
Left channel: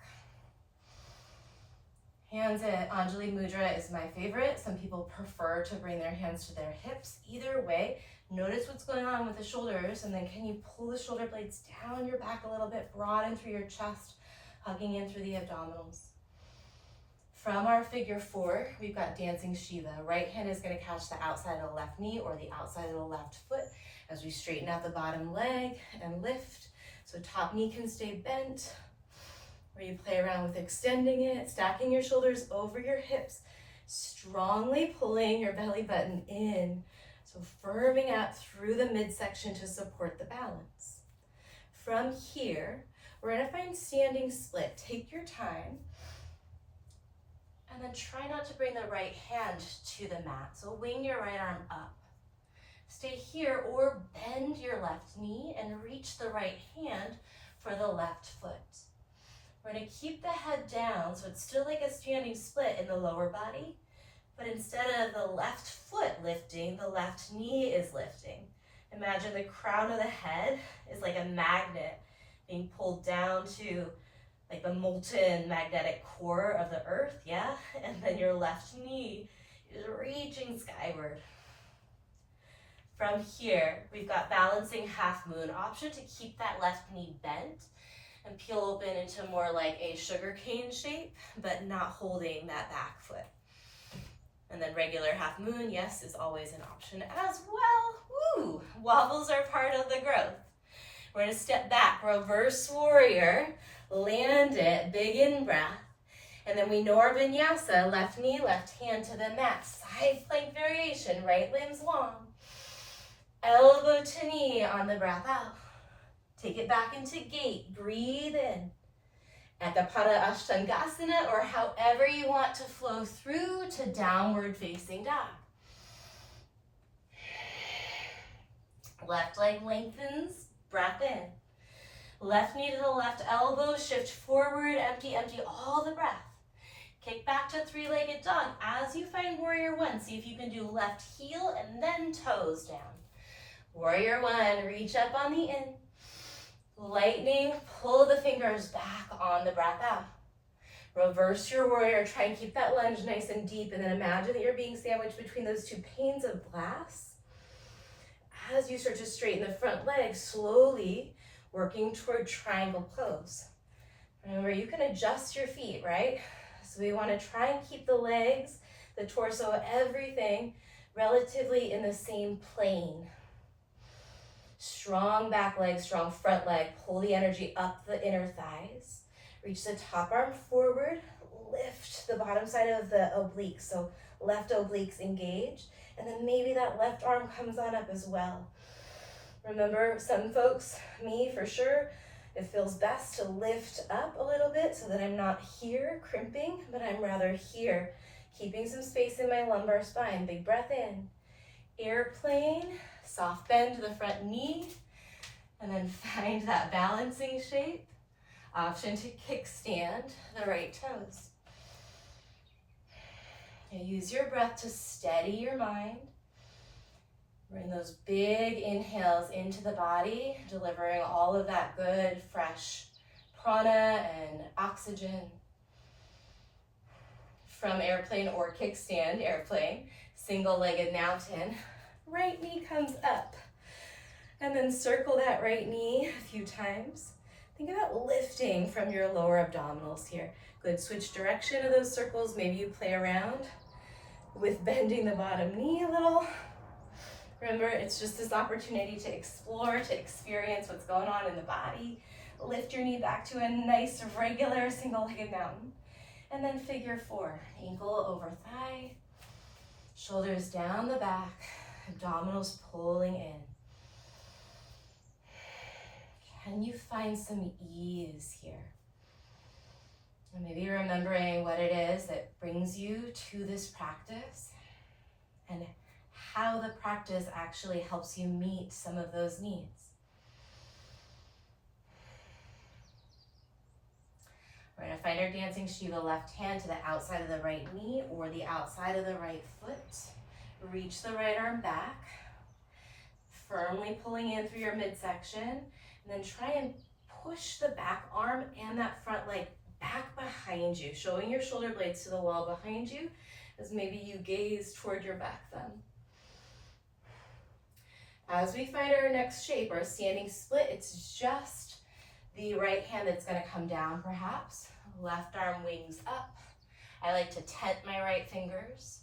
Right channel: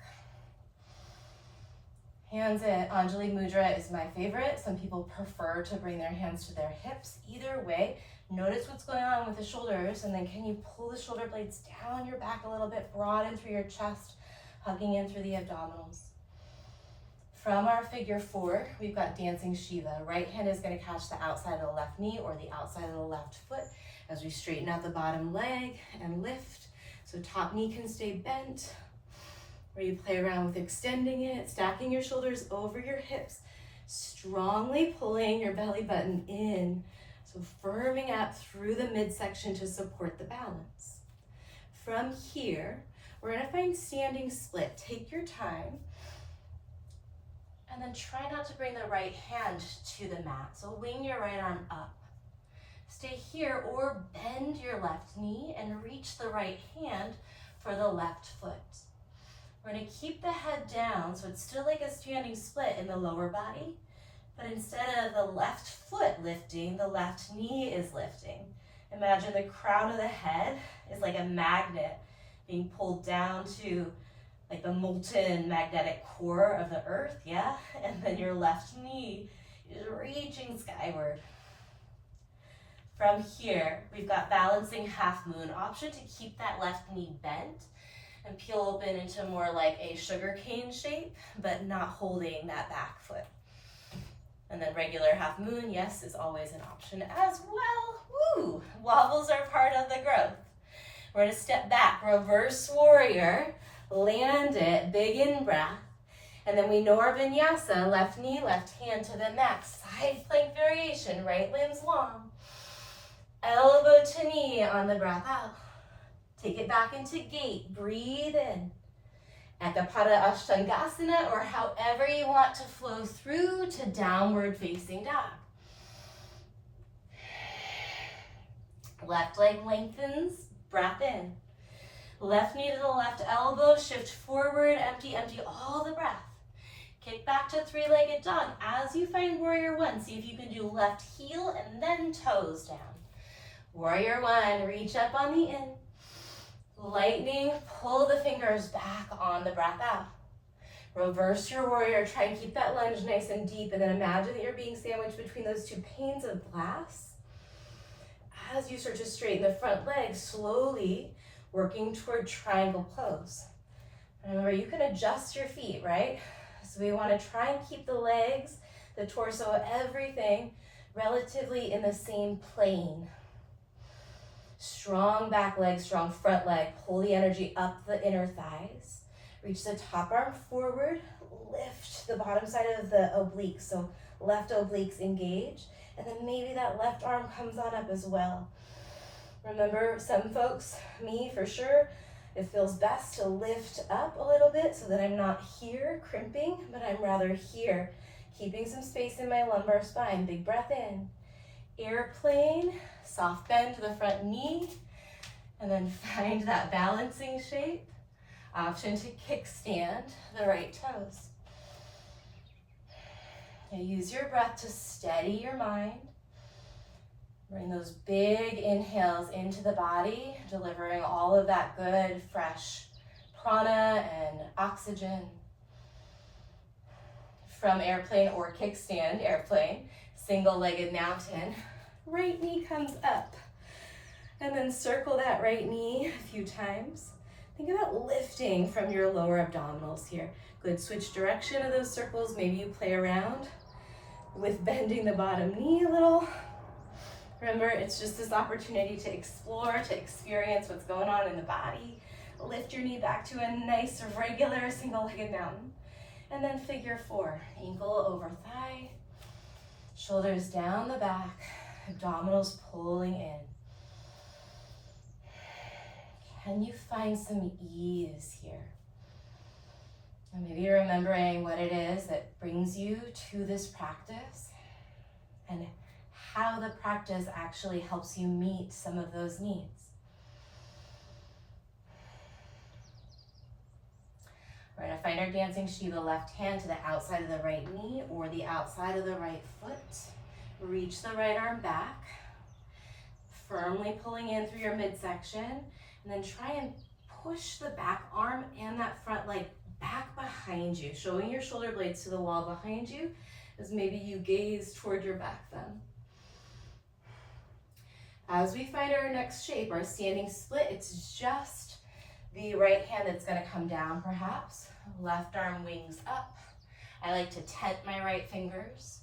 Hands at Anjali Mudra is my favorite. Some people prefer to bring their hands to their hips. Either way, notice what's going on with the shoulders, and then can you pull the shoulder blades down your back a little bit, broaden through your chest, hugging in through the abdominals. From our figure 4, we've got dancing Shiva. Right hand is going to catch the outside of the left knee or the outside of the left foot as we straighten out the bottom leg and lift. So top knee can stay bent, where you play around with extending it, stacking your shoulders over your hips, strongly pulling your belly button in. So firming up through the midsection to support the balance. From here, we're gonna find standing split. Take your time, and then try not to bring the right hand to the mat. So wing your right arm up. Stay here or bend your left knee and reach the right hand for the left foot. We're gonna keep the head down, so it's still like a standing split in the lower body, but instead of the left foot lifting, the left knee is lifting. Imagine the crown of the head is like a magnet being pulled down to like the molten magnetic core of the earth, And then your left knee is reaching skyward. From here, we've got balancing half moon option to keep that left knee bent and peel open into more like a sugar cane shape, but not holding that back foot. And then regular half moon, yes, is always an option as well. Woo! Wobbles are part of the growth. We're gonna step back, reverse warrior, land it, big in breath. And then we know our vinyasa, left knee, left hand to the mat, side plank variation, right limbs long. Elbow to knee on the breath out. Take it back into gate, breathe in. Eka Pada Ashtangasana, or however you want to flow through to downward facing dog. Left leg lengthens, breath in. Left knee to the left elbow, shift forward, empty, empty, all the breath. Kick back to three-legged dog. As you find warrior 1, see if you can do left heel and then toes down. Warrior 1, reach up on the in. Lightning, pull the fingers back on the breath out. Reverse your warrior, try and keep that lunge nice and deep, and then imagine that you're being sandwiched between those two panes of glass. As you start to straighten the front leg, slowly working toward triangle pose. Remember, you can adjust your feet, right? So we want to try and keep the legs, the torso, everything relatively in the same plane. Strong back leg, strong front leg. Pull the energy up the inner thighs. Reach the top arm forward. Lift the bottom side of the obliques. So left obliques engaged. And then maybe that left arm comes on up as well. Remember, some folks, me for sure, it feels best to lift up a little bit so that I'm not here crimping, but I'm rather here, keeping some space in my lumbar spine. Big breath in. Airplane, soft bend to the front knee, and then find that balancing shape. Option to kickstand the right toes. Now use your breath to steady your mind. Bring those big inhales into the body, delivering all of that good, fresh prana and oxygen. From airplane or kickstand, airplane, single-legged mountain, right knee comes up. And then circle that right knee a few times. Think about lifting from your lower abdominals here. Good, switch direction of those circles. Maybe you play around with bending the bottom knee a little. Remember, it's just this opportunity to explore, to experience what's going on in the body. Lift your knee back to a nice, regular, single-legged mountain. And then figure 4, ankle over thigh, shoulders down the back, abdominals pulling in. Can you find some ease here? And maybe remembering what it is that brings you to this practice and how the practice actually helps you meet some of those needs. We're going to find our dancing Shiva, left hand to the outside of the right knee or the outside of the right foot. Reach the right arm back, firmly pulling in through your midsection, and then try and push the back arm and that front leg back behind you, showing your shoulder blades to the wall behind you as maybe you gaze toward your back thumb. As we find our next shape, our standing split, it's just the right hand that's going to come down perhaps. Left arm wings up. I like to tent my right fingers.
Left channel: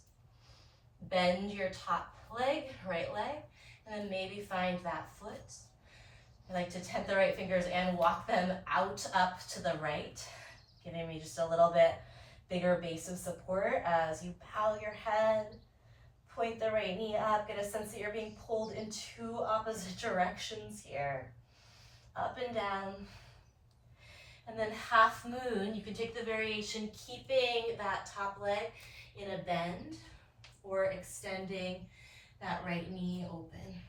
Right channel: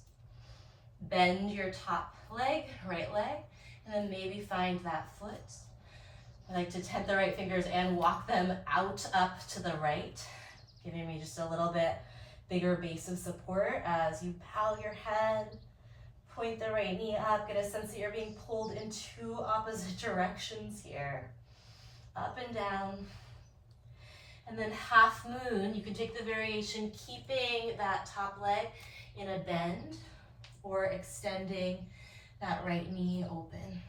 Bend your top leg, right leg, and then maybe find that foot. I like to tent the right fingers and walk them out up to the right, giving me just a little bit bigger base of support as you bow your head, point the right knee up, get a sense that you're being pulled in 2 opposite directions here. Up and down. And then half moon, you can take the variation keeping that top leg in a bend or extending that right knee open.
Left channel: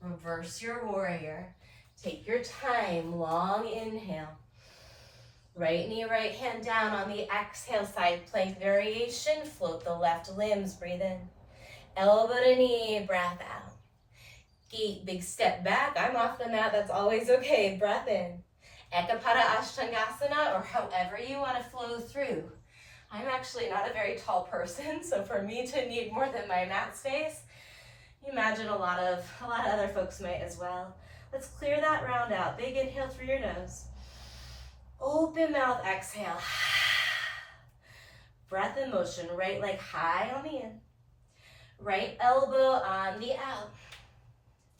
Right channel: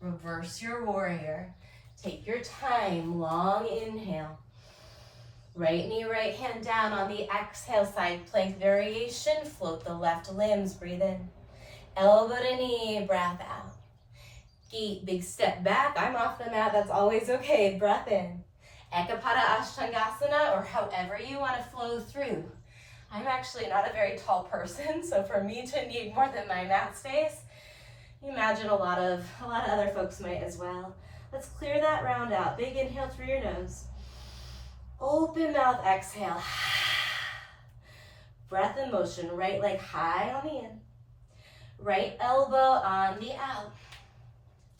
Reverse your warrior. Take your time, long inhale. Right knee, right hand down on the exhale, side plank variation. Float the left limbs, breathe in. Elbow to knee, breath out. Gate, big step back. I'm off the mat, that's always okay. Breath in. Eka Pada Ashtangasana, or however you want to flow through. I'm actually not a very tall person, so for me to need more than my mat space, imagine a lot of other folks might as well. Let's clear that round out. Big inhale through your nose. Open mouth, exhale. Breath in motion, right leg high on the in. Right elbow on the out.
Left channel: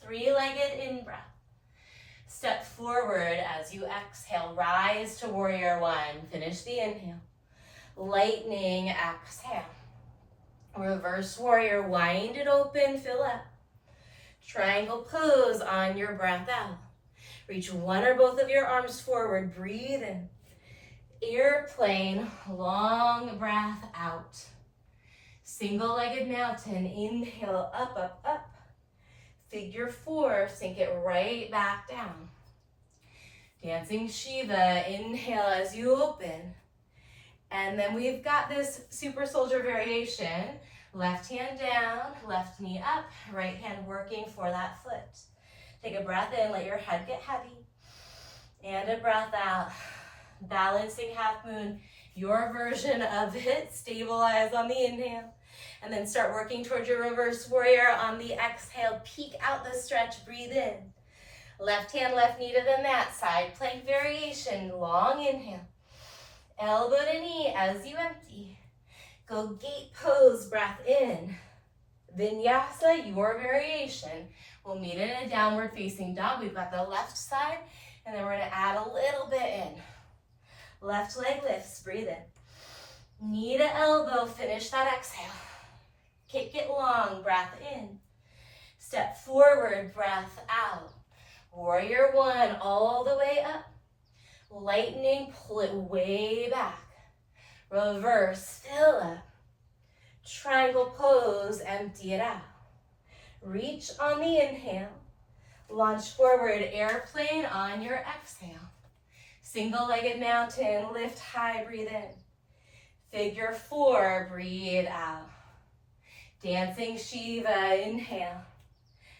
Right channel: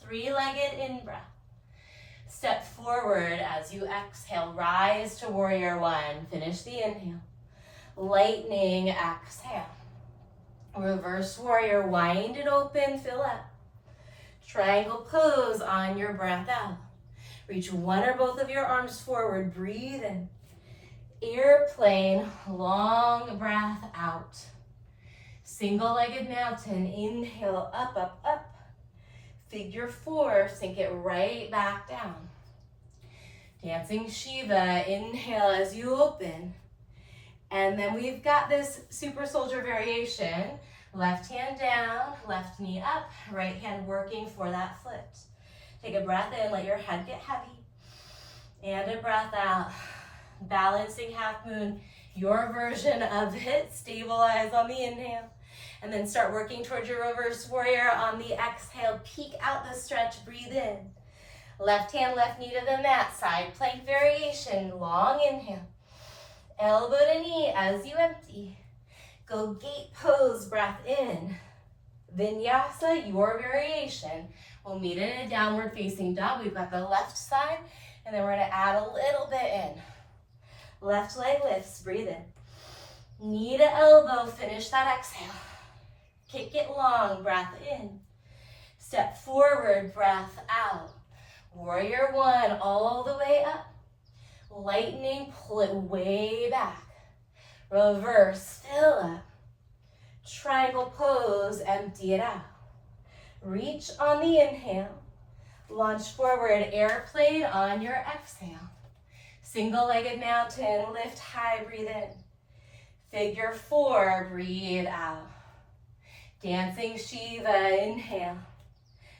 3-legged in breath. Step forward as you exhale. Rise to warrior 1. Finish the inhale. Lightning exhale. Reverse warrior, wind it open, fill up. Triangle pose on your breath out. Reach one or both of your arms forward, breathe in. Airplane, long breath out. Single-legged mountain, inhale, up, up, up. Figure 4, sink it right back down. Dancing Shiva, inhale as you open. And then we've got this super soldier variation. Left hand down, left knee up, right hand working for that foot. Take a breath in, let your head get heavy. And a breath out. Balancing half moon, your version of it. Stabilize on the inhale. And then start working towards your reverse warrior on the exhale. Peek out the stretch, breathe in. Left hand, left knee to the mat, side plank variation, long inhale. Elbow to knee as you empty. Go gate pose, breath in. Vinyasa, your variation. We'll meet in a downward facing dog. We've got the left side, and then we're gonna add a little bit in. Left leg lifts, breathe in. Knee to elbow, finish that exhale. Kick it long, breath in. Step forward, breath out. Warrior 1, all the way up. Lightning, pull it way back. Reverse, fill up. Triangle pose, empty it out. Reach on the inhale. Launch forward, airplane on your exhale. Single-legged mountain, lift high, breathe in. Figure 4, breathe out. Dancing Shiva, inhale.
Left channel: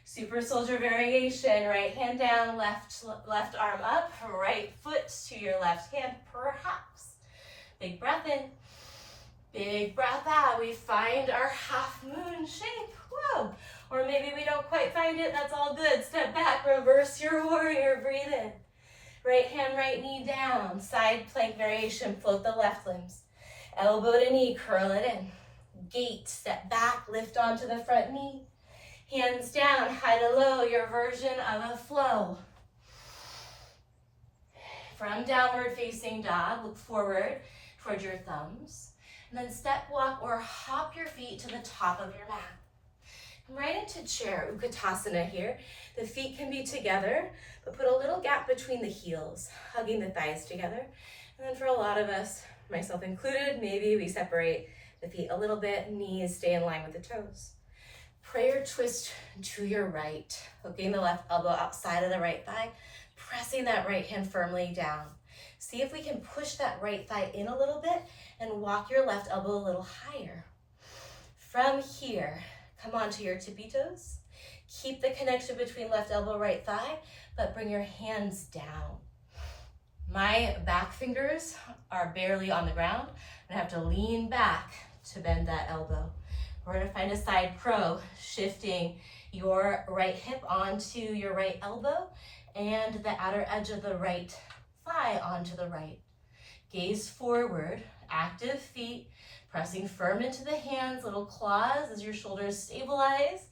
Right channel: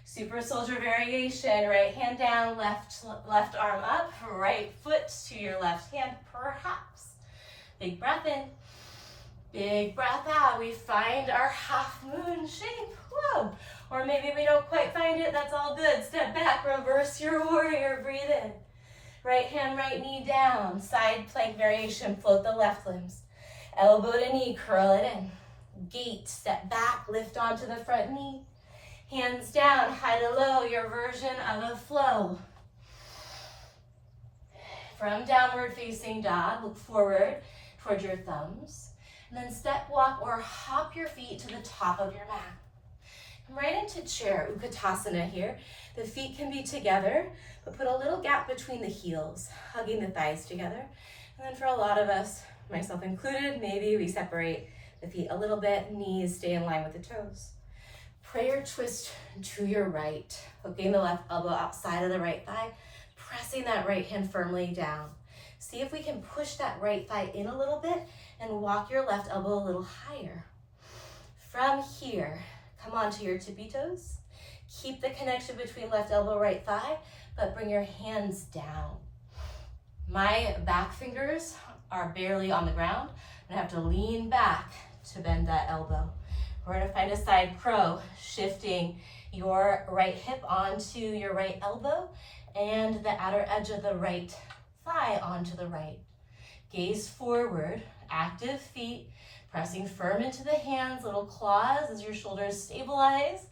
Super soldier variation, right hand down, left arm up, right foot to your left hand, perhaps. Big breath in, big breath out. We find our half moon shape, whoa. Or maybe we don't quite find it, that's all good. Step back, reverse your warrior, breathe in. Right hand, right knee down, side plank variation, float the left limbs. Elbow to knee, curl it in. gate, step back, lift onto the front knee. Hands down, high to low, your version of a flow. From downward facing dog, look forward towards your thumbs. And then step, walk, or hop your feet to the top of your mat. Come right into chair, Utkatasana here. The feet can be together, but put a little gap between the heels, hugging the thighs together. And then for a lot of us, myself included, maybe we separate the feet a little bit, knees stay in line with the toes. Prayer twist to your right, hooking the left elbow outside of the right thigh, pressing that right hand firmly down. See if we can push that right thigh in a little bit and walk your left elbow a little higher. From here, come onto your tippy toes. Keep the connection between left elbow, right thigh, but bring your hands down. My back fingers are barely on the ground, and I have to lean back to bend that elbow. We're gonna find a side crow, shifting your right hip onto your right elbow and the outer edge of the right thigh onto the right. Gaze forward, active feet, pressing firm into the hands, little claws as your shoulders stabilize.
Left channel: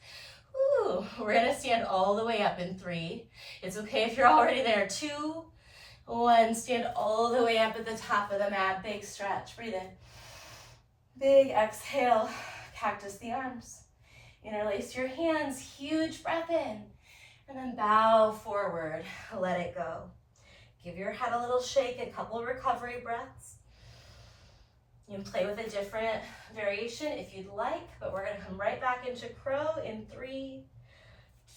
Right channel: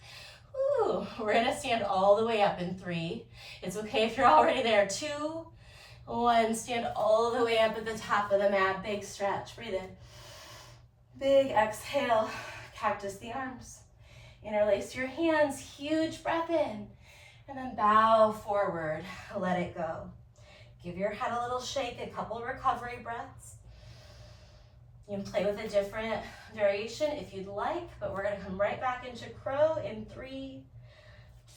Ooh, we're gonna stand all the way up in 3. It's okay if you're already there. 2, 1, stand all the way up at the top of the mat. Big stretch, breathe in. Big exhale, cactus the arms. Interlace your hands, huge breath in. And then bow forward, let it go. Give your head a little shake, a couple recovery breaths. You can play with a different variation if you'd like, but we're gonna come right back into crow in 3,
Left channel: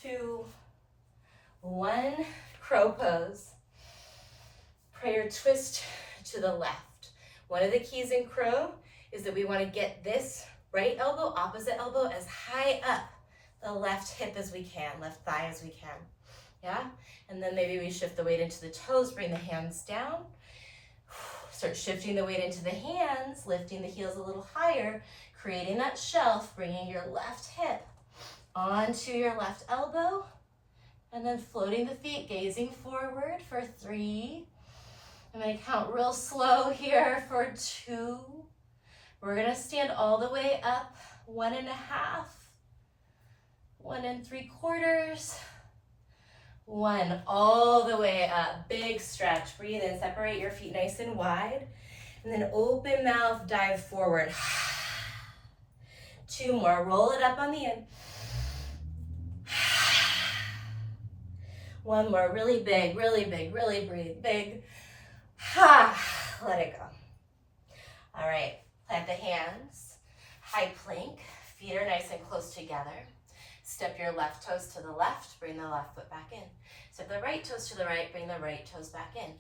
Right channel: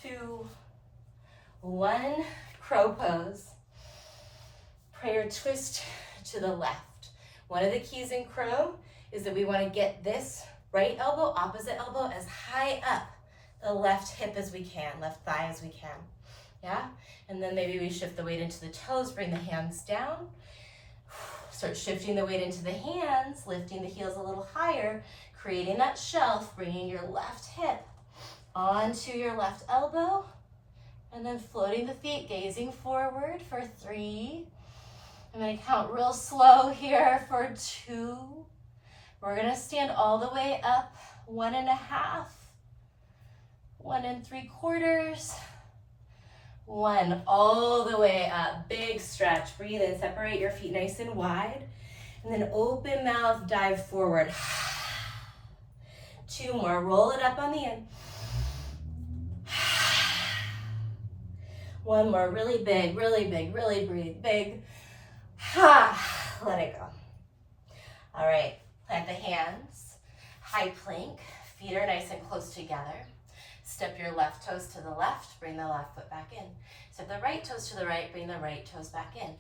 2, 1. Crow pose. Prayer twist to the left. One of the keys in crow is that we wanna get this right elbow, opposite elbow, as high up the left hip as we can, left thigh as we can, yeah? And then maybe we shift the weight into the toes, bring the hands down. Start shifting the weight into the hands, lifting the heels a little higher, creating that shelf, bringing your left hip onto your left elbow, and then floating the feet, gazing forward for 3. I'm gonna count real slow here for 2. We're gonna stand all the way up, 1.5, 1 3/4, 1, all the way up, big stretch. Breathe in, separate your feet nice and wide, and then open mouth, dive forward. 2 more, roll it up on the end. 1 more, really big, really big, really breathe, big. Let it go. All right, plant the hands, high plank, feet are nice and close together. Step your left toes to the left, bring the left foot back in. Step the right toes to the right, bring the right toes back in.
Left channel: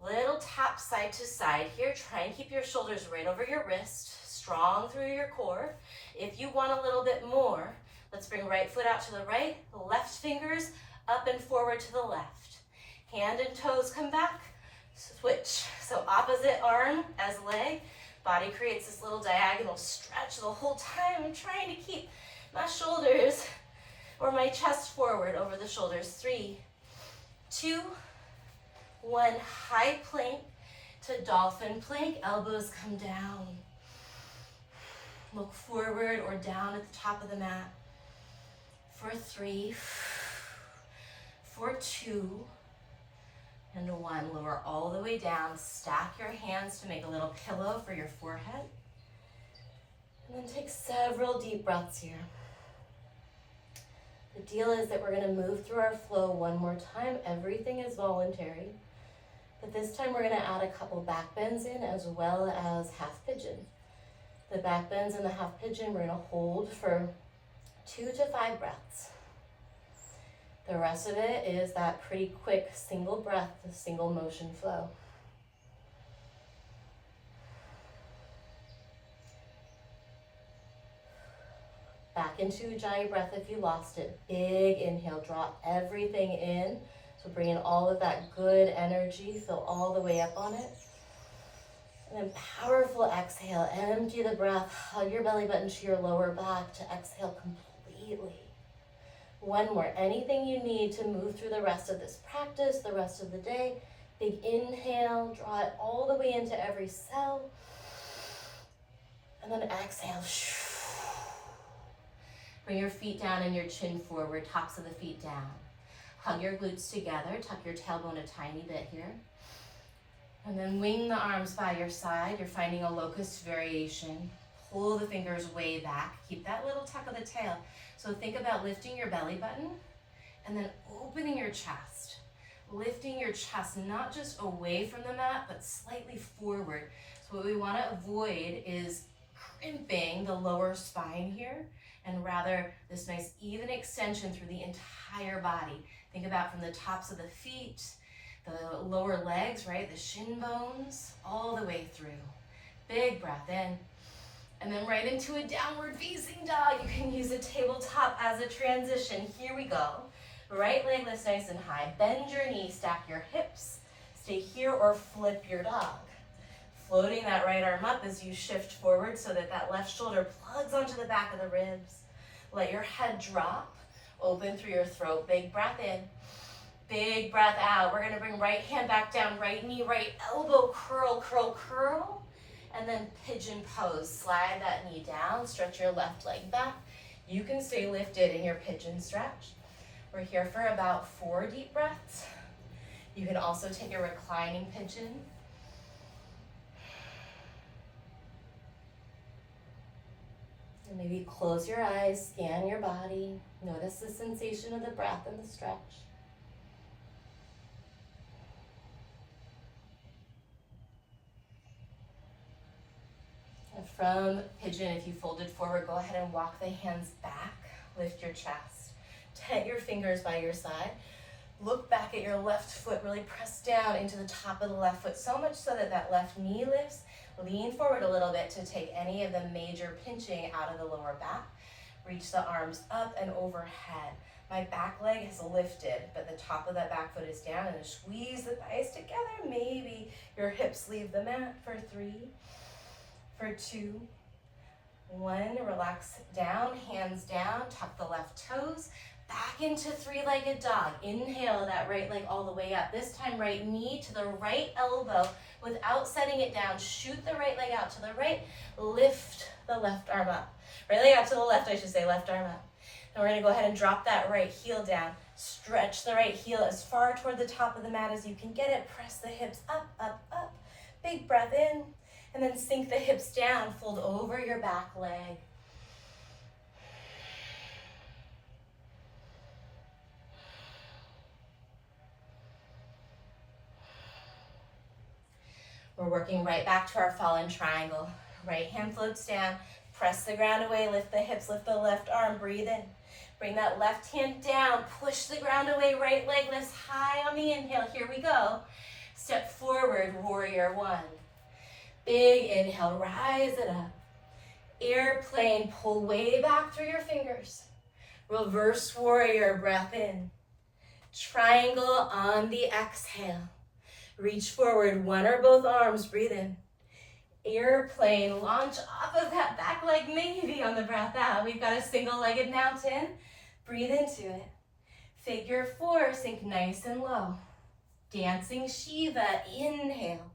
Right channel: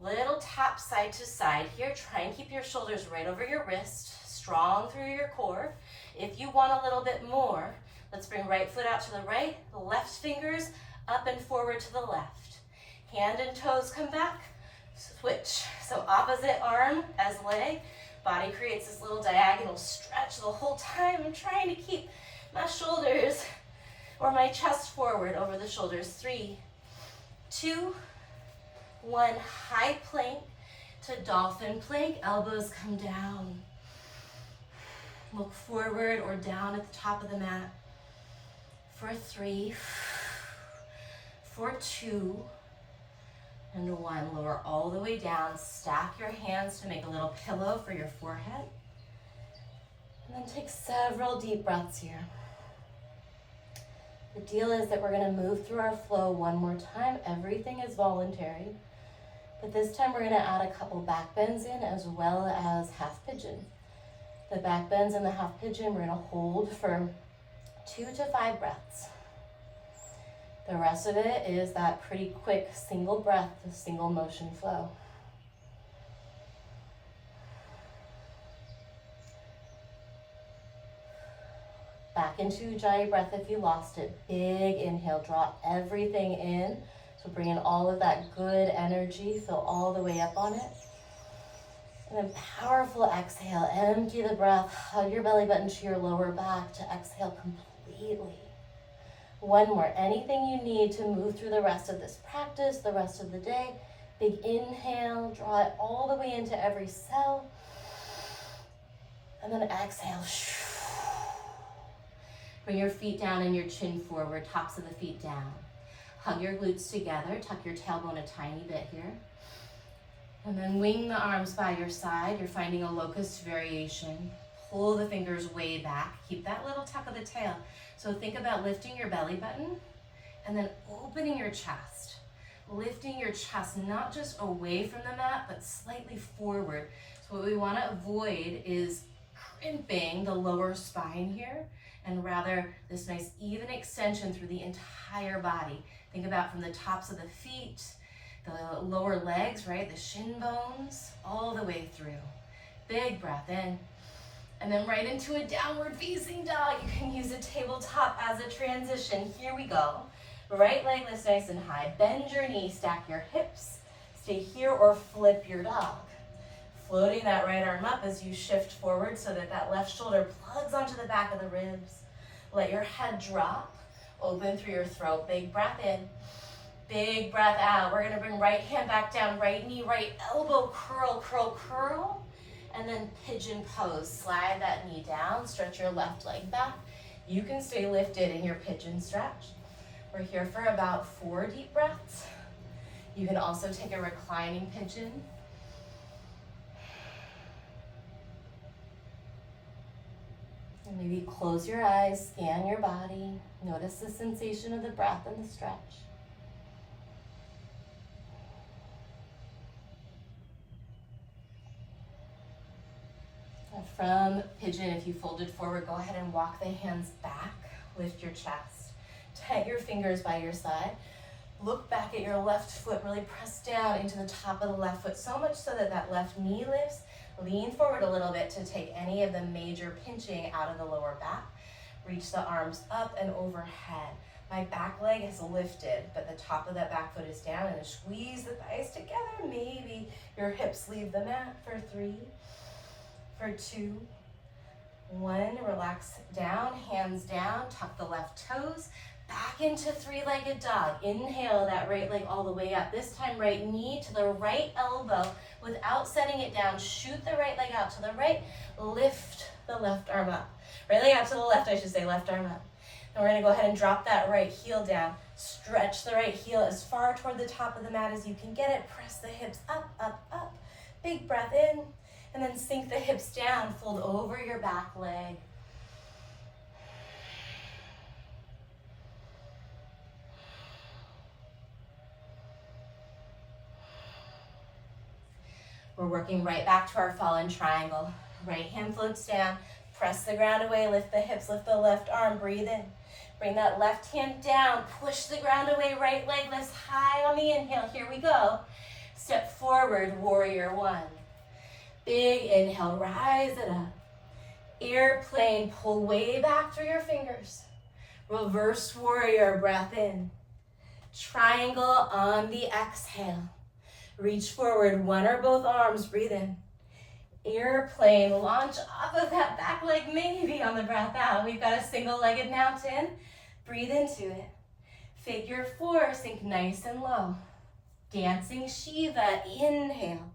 Little tap side to side here. Try and keep your shoulders right over your wrist, strong through your core. If you want a little bit more, let's bring right foot out to the right, left fingers up and forward to the left. Hand and toes come back, switch. So opposite arm as leg, body creates this little diagonal stretch the whole time. I'm trying to keep my shoulders or my chest forward over the shoulders. 3, 2, 1, high plank to dolphin plank, elbows come down. Look forward or down at the top of the mat. For 3, for 2, and 1. Lower all the way down, stack your hands to make a little pillow for your forehead. And then take several deep breaths here. The deal is that we're gonna move through our flow one more time. Everything is voluntary, but this time we're gonna add a couple back bends in as well as half pigeon. The back bends and the half pigeon, we're gonna hold for 2 to 5 breaths. The rest of it is that pretty quick single breath, single motion flow. Back into Ujjayi breath if you lost it. Big inhale, draw everything in. So bring in all of that good energy, fill all the way up on it. And then powerful exhale, empty the breath, hug your belly button to your lower back to exhale completely. 1 more, anything you need to move through the rest of this practice, the rest of the day. Big inhale, draw it all the way into every cell. And then exhale. Bring your feet down and your chin forward, tops of the feet down. Hug your glutes together, tuck your tailbone a tiny bit here. And then wing the arms by your side. You're finding a locust variation. Pull the fingers way back. Keep that little tuck of the tail. So think about lifting your belly button and then opening your chest. Lifting your chest not just away from the mat, but slightly forward. So what we want to avoid is crimping the lower spine here, and rather this nice even extension through the entire body. Think about from the tops of the feet, the lower legs, right? The shin bones, all the way through. Big breath in. And then right into a downward facing dog. You can use a tabletop as a transition. Here we go. Right leg lifts nice and high. Bend your knee, stack your hips. Stay here or flip your dog. Floating that right arm up as you shift forward so that that left shoulder plugs onto the back of the ribs. Let your head drop. Open through your throat. Big breath in. Big breath out. We're gonna bring right hand back down, right knee, right elbow, curl, curl, curl. And then pigeon pose. Slide that knee down, stretch your left leg back. You can stay lifted in your pigeon stretch. We're here for about 4 deep breaths. You can also take a reclining pigeon. And maybe close your eyes, scan your body. Notice the sensation of the breath and the stretch. From pigeon, if you folded forward, go ahead and walk the hands back. Lift your chest. Tent your fingers by your side. Look back at your left foot. Really press down into the top of the left foot, so much so that that left knee lifts. Lean forward a little bit to take any of the major pinching out of the lower back. Reach the arms up and overhead. My back leg is lifted, but the top of that back foot is down, and squeeze the thighs together. Maybe your hips leave the mat for 3, for 2, 1. Relax down, hands down, tuck the left toes. Back into 3-legged dog. Inhale that right leg all the way up. This time right knee to the right elbow without setting it down. Shoot the right leg out to the right. Lift the left arm up. Right leg out to the left, I should say, left arm up. Then we're gonna go ahead and drop that right heel down. Stretch the right heel as far toward the top of the mat as you can get it. Press the hips up, up, up. Big breath in. And then sink the hips down. Fold over your back leg. We're working right back to our fallen triangle. Right hand floats down, press the ground away, lift the hips, lift the left arm, breathe in. Bring that left hand down, push the ground away, right leg lifts high on the inhale. Here we go. Step forward, warrior 1. Big inhale, rise it up. Airplane, pull way back through your fingers. Reverse warrior, breath in. Triangle on the exhale. Reach forward, 1 or both arms, breathe in. Airplane, launch off of that back leg, maybe on the breath out. We've got a single-legged mountain. Breathe into it. Figure 4, sink nice and low. Dancing Shiva, inhale.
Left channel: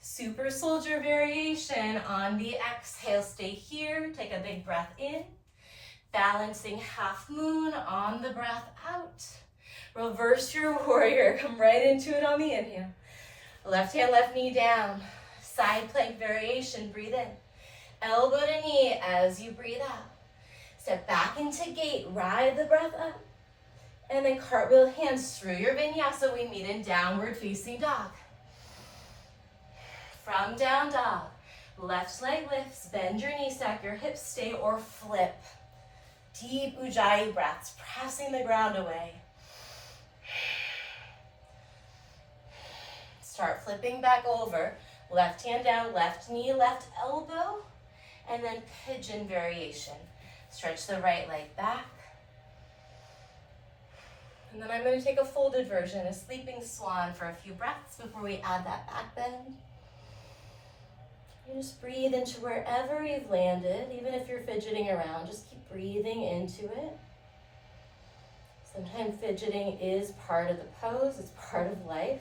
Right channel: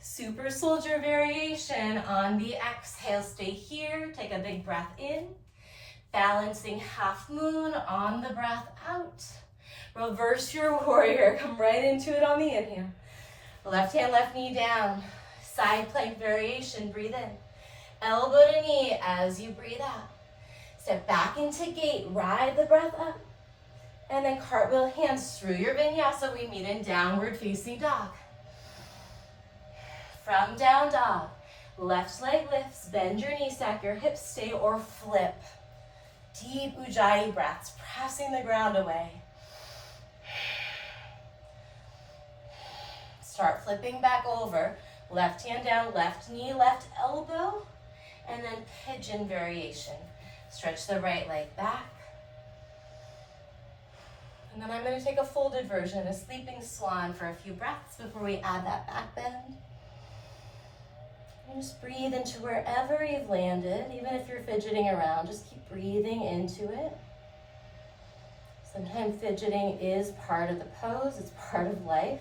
Super soldier variation on the exhale. Stay here, take a big breath in. Balancing half moon on the breath out. Reverse your warrior, come right into it on the inhale. Left hand, left knee down. Side plank variation, breathe in. Elbow to knee as you breathe out. Step back into gate, ride the breath up. And then cartwheel hands through your vinyasa. We meet in downward facing dog. From down dog, left leg lifts, bend your knee, stack your hips, stay or flip. Deep ujjayi breaths, pressing the ground away. Start flipping back over. Left hand down, left knee, left elbow, and then pigeon variation. Stretch the right leg back. And then I'm going to take a folded version, a sleeping swan for a few breaths before we add that back bend. And just breathe into wherever you've landed, even if you're fidgeting around, just keep breathing into it. Sometimes fidgeting is part of the pose, it's part of life.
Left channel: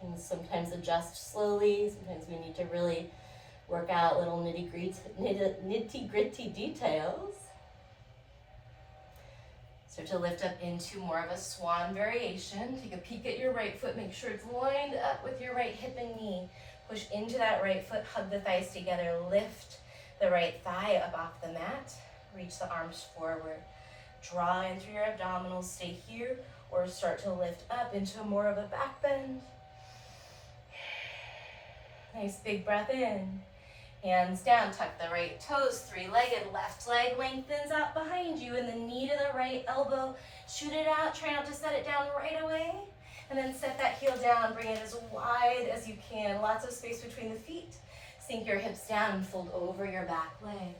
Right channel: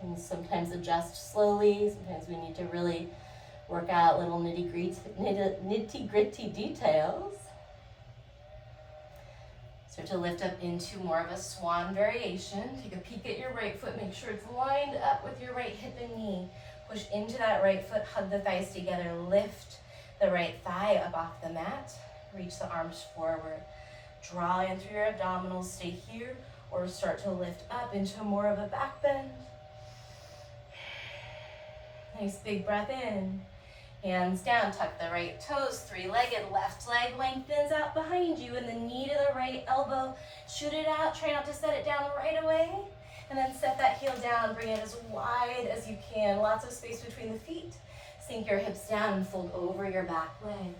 And sometimes adjust slowly, sometimes we need to really work out little nitty-gritty details. Start to lift up into more of a swan variation. Take a peek at your right foot. Make sure it's lined up with your right hip and knee. Push into that right foot. Hug the thighs together. Lift the right thigh up off the mat. Reach the arms forward. Draw in through your abdominals. Stay here or start to lift up into more of a back bend. Nice big breath in. Hands down, tuck the right toes, three-legged, left leg lengthens out behind you, and the knee to the right elbow, shoot it out, try not to set it down right away, and then set that heel down, bring it as wide as you can, lots of space between the feet. Sink your hips down and fold over your back leg.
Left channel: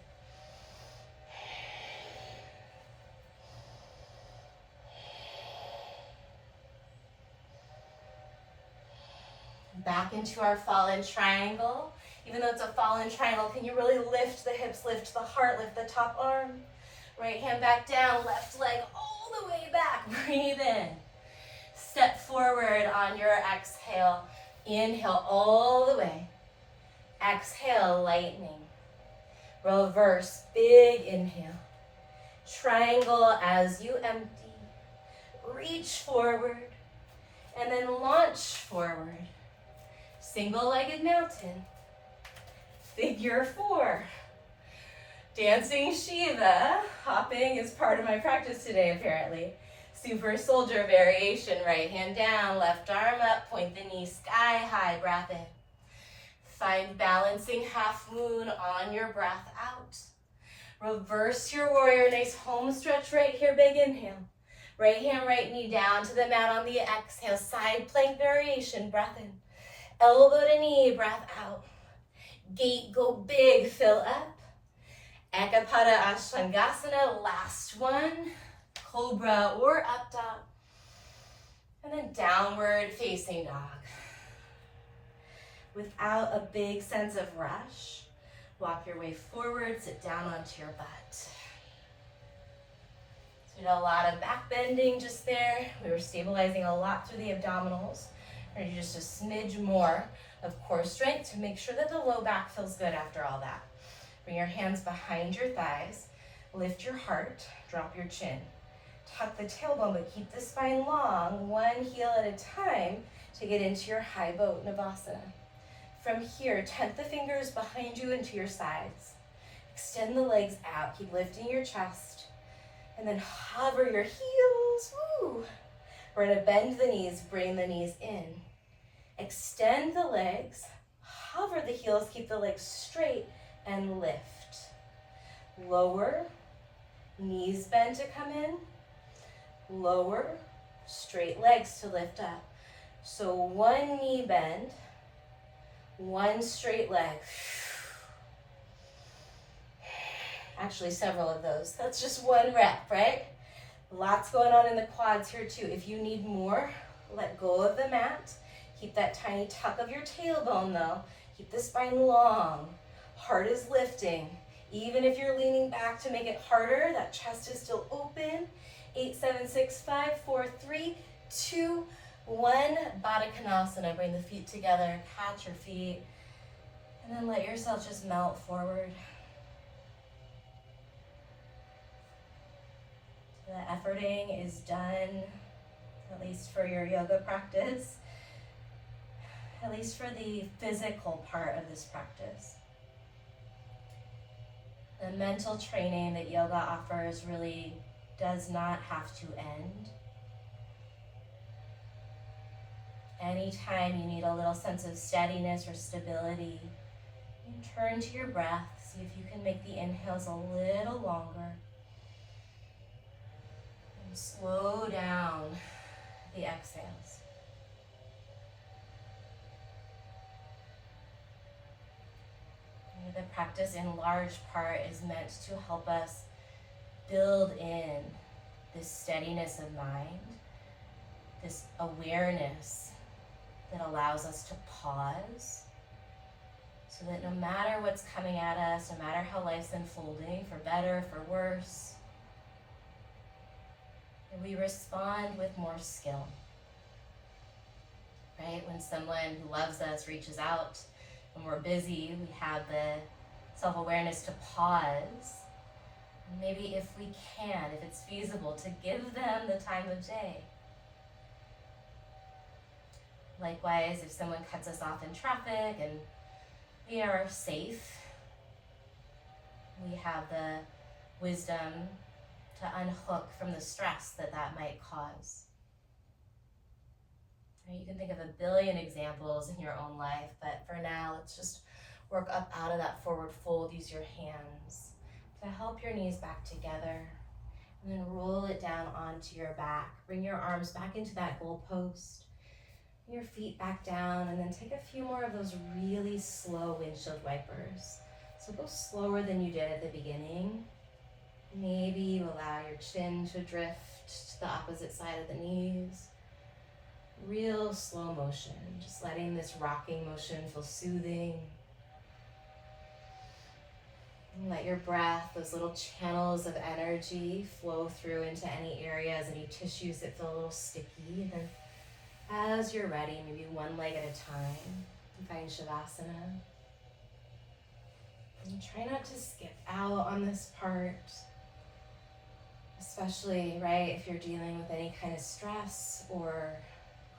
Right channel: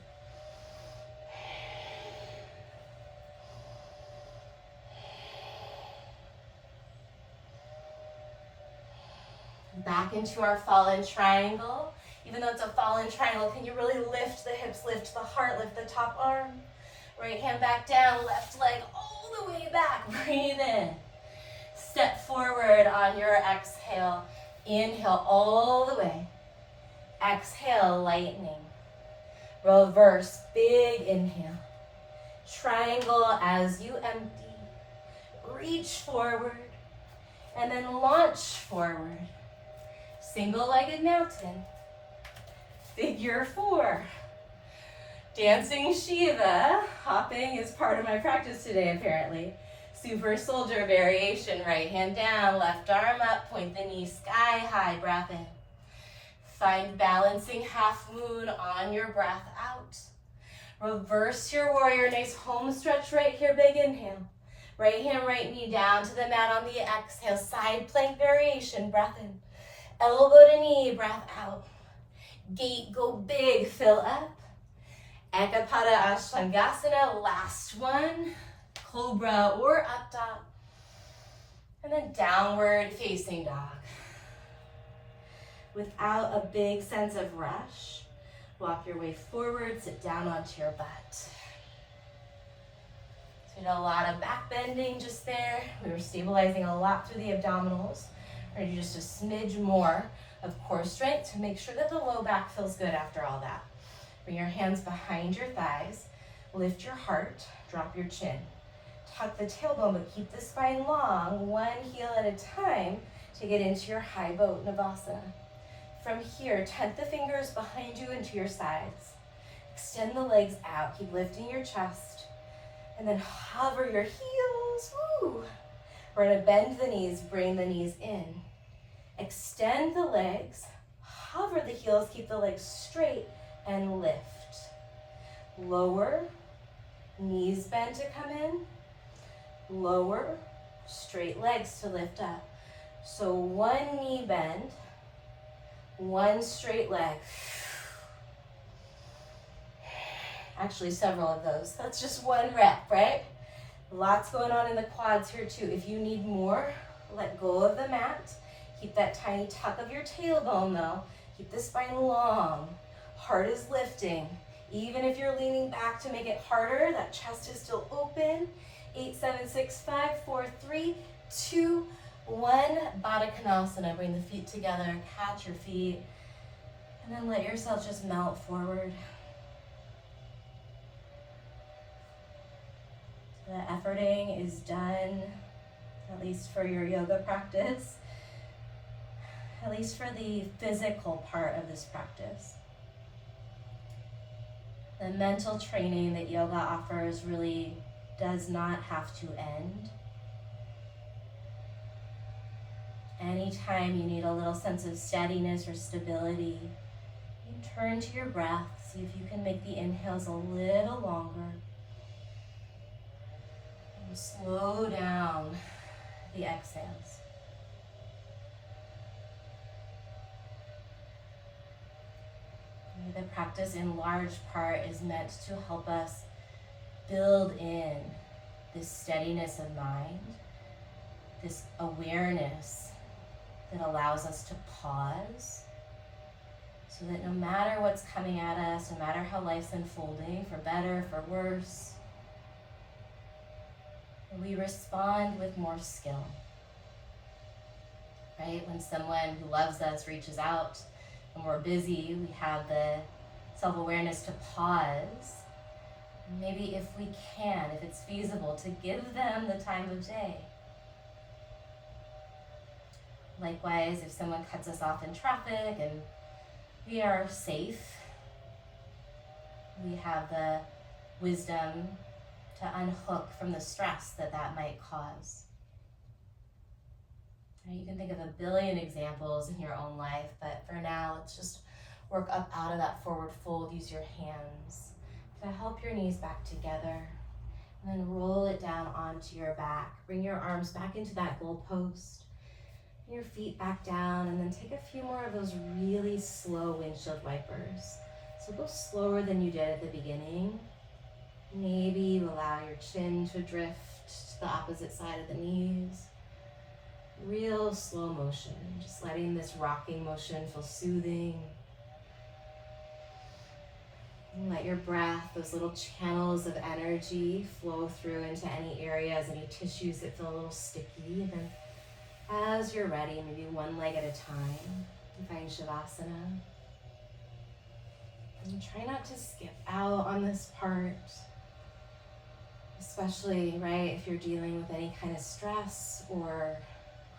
Back into our fallen triangle. Even though it's a fallen triangle, can you really lift the hips, lift the heart, lift the top arm? Right hand back down, left leg all the way back. Breathe in. Step forward on your exhale. Inhale all the way. Exhale, lightning. Reverse, big inhale. Triangle as you empty. Reach forward and then launch forward. Single-legged mountain. Figure four. Dancing Shiva. Hopping is part of my practice today, apparently. Super soldier variation. Right hand down, left arm up, point the knee sky high, breath in. Find balancing half moon on your breath out. Reverse your warrior, nice home stretch right here, big inhale. Right hand, right knee down to the mat on the exhale, side plank variation, breath in. Elbow to knee, breath out. Gate, go big, fill up. Eka Pada Ashtangasana, last one. Cobra or up dog. And then downward facing dog. Without a big sense of rush, walk your way forward, sit down onto your butt. So we did a lot of back bending just there. We were stabilizing a lot through the abdominals. We're gonna do just a smidge more of core strength to make sure that the low back feels good after all that. Bring your hands behind your thighs, lift your heart, drop your chin. Tuck the tailbone, but keep the spine long, one heel at a time to get into your high boat Navasana. From here, tent the fingers behind you into your sides. Extend the legs out, keep lifting your chest, and then hover your heels. Woo. We're gonna bend the knees, bring the knees in. Extend the legs, hover the heels, keep the legs straight, and lift. Lower, knees bend to come in. Lower, straight legs to lift up. So one knee bend, one straight leg. Actually, several of those. That's just one rep, right? Lots going on in the quads here too. If you need more, let go of the mat. Keep that tiny tuck of your tailbone though. Keep the spine long. Heart is lifting. Even if you're leaning back to make it harder, that chest is still open. 8, 7, 6, 5, 4, 3, 2, 1. Baddha Konasana. Bring the feet together, catch your feet, and then let yourself just melt forward. The efforting is done, at least for your yoga practice, at least for the physical part of this practice. The mental training that yoga offers really does not have to end. Anytime you need a little sense of steadiness or stability, you turn to your breath, see if you can make the inhales a little longer. And slow down the exhales. The practice in large part is meant to help us build in this steadiness of mind, this awareness that allows us to pause so that no matter what's coming at us, no matter how life's unfolding, for better, for worse, we respond with more skill. Right? When someone who loves us reaches out and we're busy, we have the self-awareness to pause Maybe if we can, if it's feasible, to give them the time of day. Likewise, if someone cuts us off in traffic and we are safe, we have the wisdom to unhook from the stress that might cause. You can think of a billion examples in your own life, but for now, let's just work up out of that forward fold. Use your hands to help your knees back together, and then roll it down onto your back. Bring your arms back into that goalpost, your feet back down, and then take a few more of those really slow windshield wipers. So go slower than you did at the beginning. Maybe you allow your chin to drift to the opposite side of the knees. Real slow motion, just letting this rocking motion feel soothing. And let your breath, those little channels of energy, flow through into any areas, any tissues that feel a little sticky. And then as you're ready, maybe one leg at a time, you find Shavasana. And try not to skip out on this part, especially, right, if you're dealing with any kind of stress or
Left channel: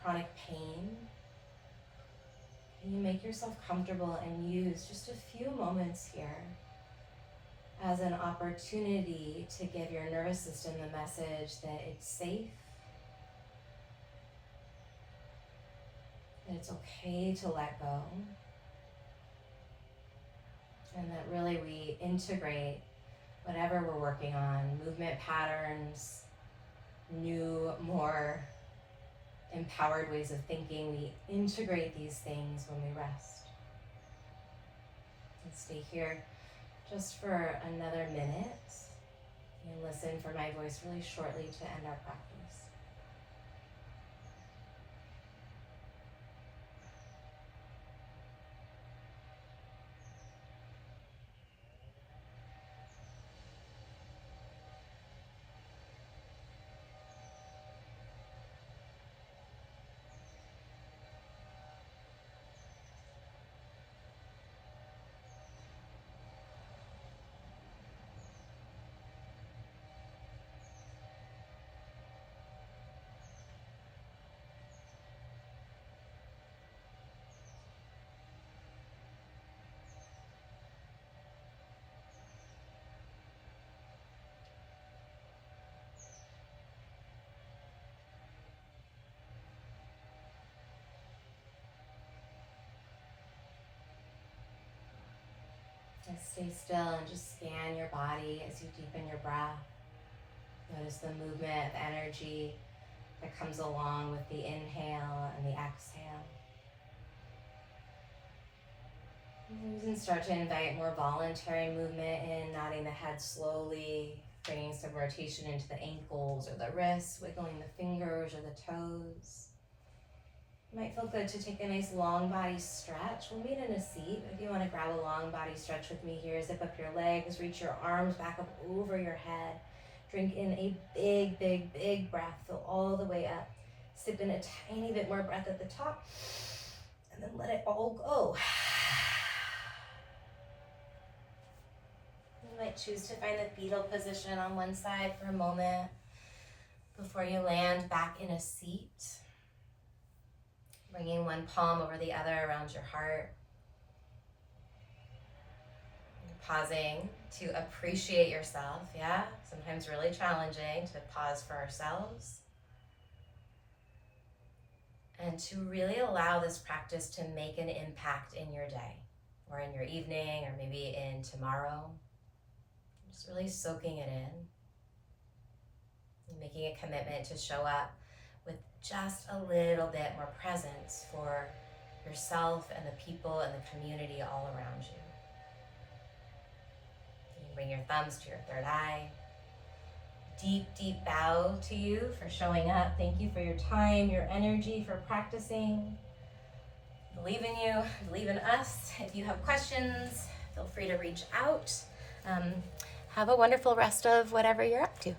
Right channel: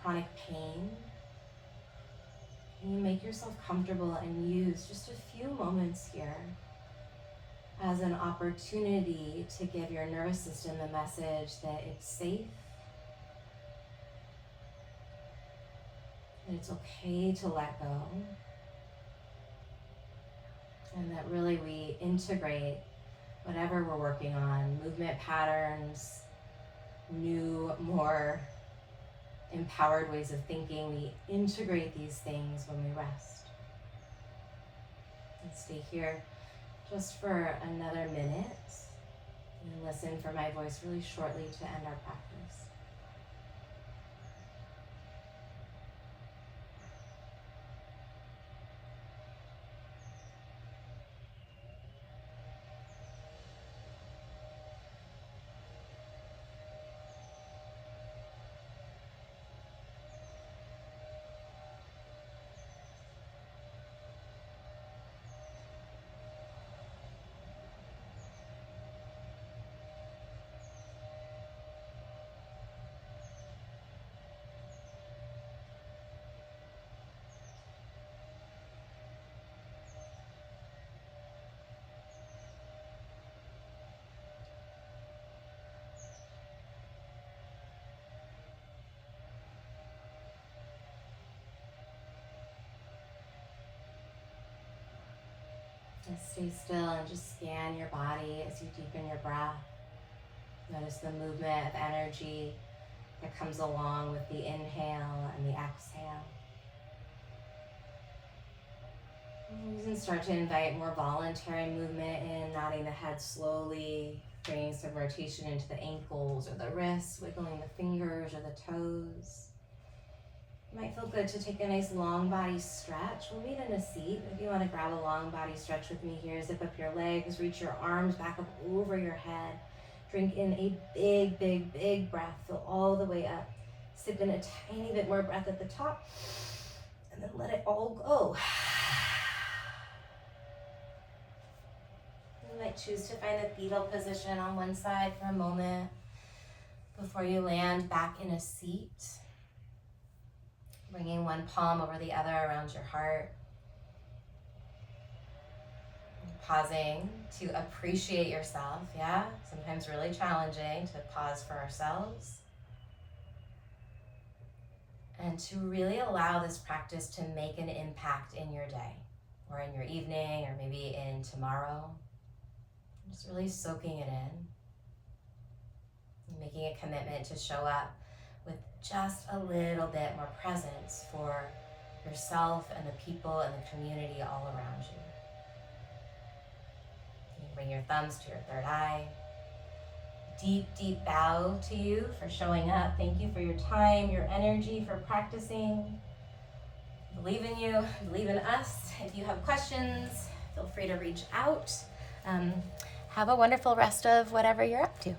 chronic pain. You make yourself comfortable and use just a few moments here as an opportunity to give your nervous system the message that it's safe, that it's okay to let go, and that really we integrate whatever we're working on, movement patterns, new, more empowered ways of thinking. We integrate these things when we rest. And stay here just for another minute and listen for my voice really shortly to end our practice. And stay still and just scan your body as you deepen your breath. Notice the movement of energy that comes along with the inhale and the exhale. And you can start to invite more voluntary movement in, nodding the head slowly, bringing some rotation into the ankles or the wrists, wiggling the fingers or the toes. It might feel good to take a nice long body stretch. We'll meet in a seat. If you want to grab a long body stretch with me here, zip up your legs, reach your arms back up over your head. Drink in a big, big, big breath. Fill all the way up. Sip in a tiny bit more breath at the top, and then let it all go. You might choose to find the fetal position on one side for a moment before you land back in a seat. Bringing one palm over the other around your heart. Pausing to appreciate yourself, yeah? Sometimes really challenging to pause for ourselves. And to really allow this practice to make an impact in your day, or in your evening, or maybe in tomorrow. Just really soaking it in. And making a commitment to show up with just a little bit more presence for yourself and the people and the community all around you. You can bring your thumbs to your third eye. Deep, deep bow to you for showing up. Thank you for your time, your energy, for practicing. Believe in you, believe in us. If you have questions, feel free to reach out. Have a wonderful rest of whatever you're up to.